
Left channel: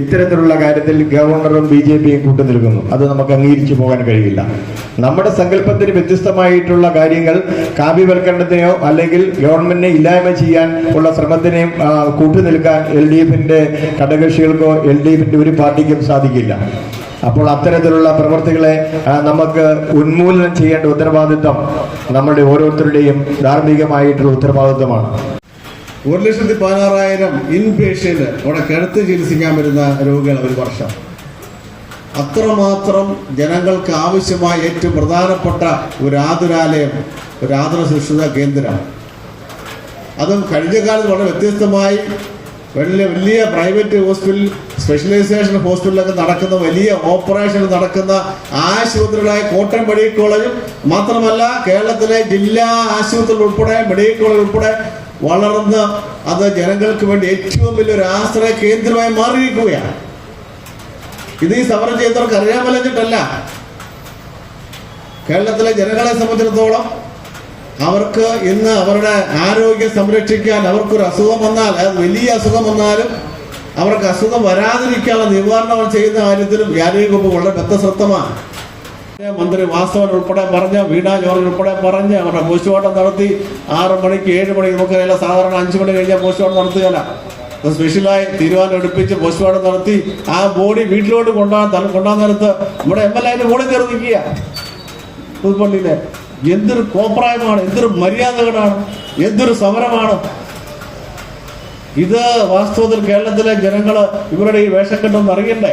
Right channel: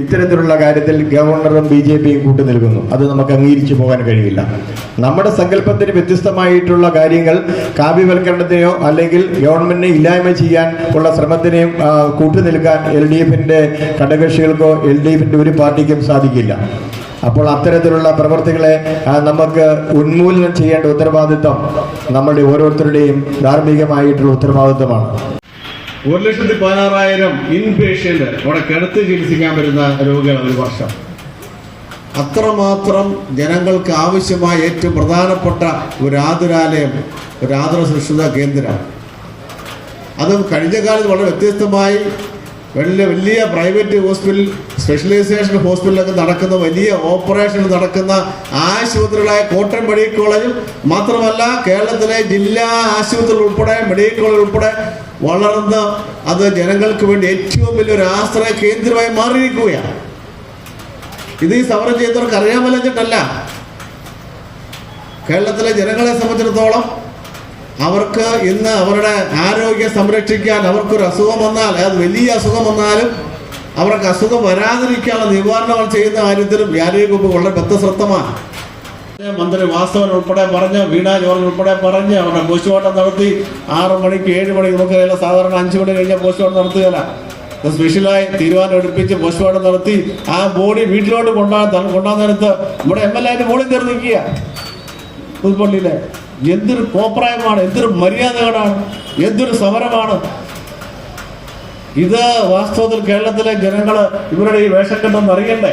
ഇത്തരത്തിലുള്ള കാര്യത്തിൽ ഗവർണറും ബി ജെ പിയും കൂട്ടു നിൽക്കുന്നു. അത് നമുക്ക് അംഗീകരിച്ചു പോകാൻ കഴിയില്ല. നമ്മുടെ സങ്കല്പത്തിന് വ്യത്യസ്തമായിട്ടുള്ള കാര്യങ്ങൾ കാവ്യവൽക്കരണത്തെയോ അല്ലെങ്കിൽ ഗവൺമെന്റിനെ ഇല്ലായ്മ ചെയ്യാൻ ഉള്ള ശ്രമത്തിനെയും കൂട്ടുനിൽക്കാൻ എൽ ഡി എഫിന്റെ ഘടകകക്ഷികൾക്കോ എൽ ഡി എഫിന്റെ ഒരു പാർട്ടിക്കും സാധിക്കില്ല. അപ്പോൾ അത്തരത്തിലുള്ള പ്രവർത്തികളെ നമുക്ക് ഉന്മൂലനം ചെയ്യേണ്ട ഉത്തരവാദിത്വം നമ്മുടെ ഓരോരുത്തരുടെയും ധാർമ്മികമായിട്ടുള്ള ഉത്തരവാദിത്വമാണ്. ഒരു ലക്ഷത്തി പതിനാറായിരം ഇൻ പേഷ്യന്റ് അവിടെ കിടത്ത് ചികിത്സിക്കാൻ വരുന്ന രോഗികൾ ഒരു വർഷം. അത്രമാത്രം ജനങ്ങൾക്ക് ആവശ്യമായ ഏറ്റവും പ്രധാനപ്പെട്ട ഒരു ആതുരാലയം ഒരു ആതുര സുരക്ഷിത കേന്ദ്രമാണ്. അതും കഴിഞ്ഞ കാലത്ത് വളരെ വ്യത്യസ്തമായി വലിയ വലിയ പ്രൈവറ്റ് ഹോസ്പിറ്റൽ സ്പെഷ്യലൈസേഷൻ ഹോസ്പിറ്റലൊക്കെ നടക്കുന്ന വലിയ ഓപ്പറേഷൻ നടക്കുന്ന ആശുപത്രികളായ കോട്ടയം മെഡിക്കൽ കോളേജ് മാത്രമല്ല കേരളത്തിലെ ജില്ലാ ആശുപത്രികൾ ഉൾപ്പെടെ മെഡിക്കൽ കോളേജ് ഉൾപ്പെടെ വളർന്ന് അത് ജനങ്ങൾക്ക് വേണ്ടി ഏറ്റവും വലിയൊരു ആശ്രയ കേന്ദ്രമായി മാറിയിരിക്കുകയാണ്. ഇത് ഈ സമരം ചെയ്തവർക്ക് അറിയാൻ കേരളത്തിലെ ജനങ്ങളെ സംബന്ധിച്ചിടത്തോളം അവർക്ക് ഇന്ന് അവരുടെ ആരോഗ്യം സംരക്ഷിക്കാൻ അവർക്കൊരു അസുഖം വന്നാൽ അത് വലിയ അസുഖം വന്നാലും അവർക്ക് അസുഖം വരാതിരിക്കാനുള്ള നിവാരണങ്ങൾ ചെയ്യുന്ന കാര്യത്തിലും ആരോഗ്യവകുപ്പ് വളരെ ബദ്ധശ്രദ്ധമാണ്. മന്ത്രി വാസവൻ ഉൾപ്പെടെ പറഞ്ഞ് വീണ ജോർജ് ഉൾപ്പെടെ പറഞ്ഞ് അവരുടെ പോസ്റ്റ്മോർട്ടം നടത്തി ആറ് മണിക്ക് ഏഴ് മണിക്ക് നമുക്കറിയില്ല സാധാരണ അഞ്ച് മണി കഴിഞ്ഞാൽ പോസ്റ്റ്മോർട്ടം നടത്തുകയല്ല. സ്പെഷ്യലായി തീരുമാനം എടുപ്പിച്ച് പോസ്റ്റ്മോർട്ടം നടത്തി ആ ബോഡി വീട്ടിലോട്ട് കൊണ്ടുപോകാൻ നേരത്ത് നമ്മുടെ എം എൽ എ ബോഡി കയറി നിൽക്കുക. പുതുപ്പള്ളിയിലെ എന്തൊരു കോപ്രായമാണ് എന്തൊരു മര്യാദകളാണ് എന്തൊരു സമരമാണ്. ഇത് വാസ്തവത്തിൽ കേരളത്തിലെ ജനങ്ങൾ ഇവരുടെ ഈ വേഷക്കെട്ടൊന്നും അറിയണ്ടേ?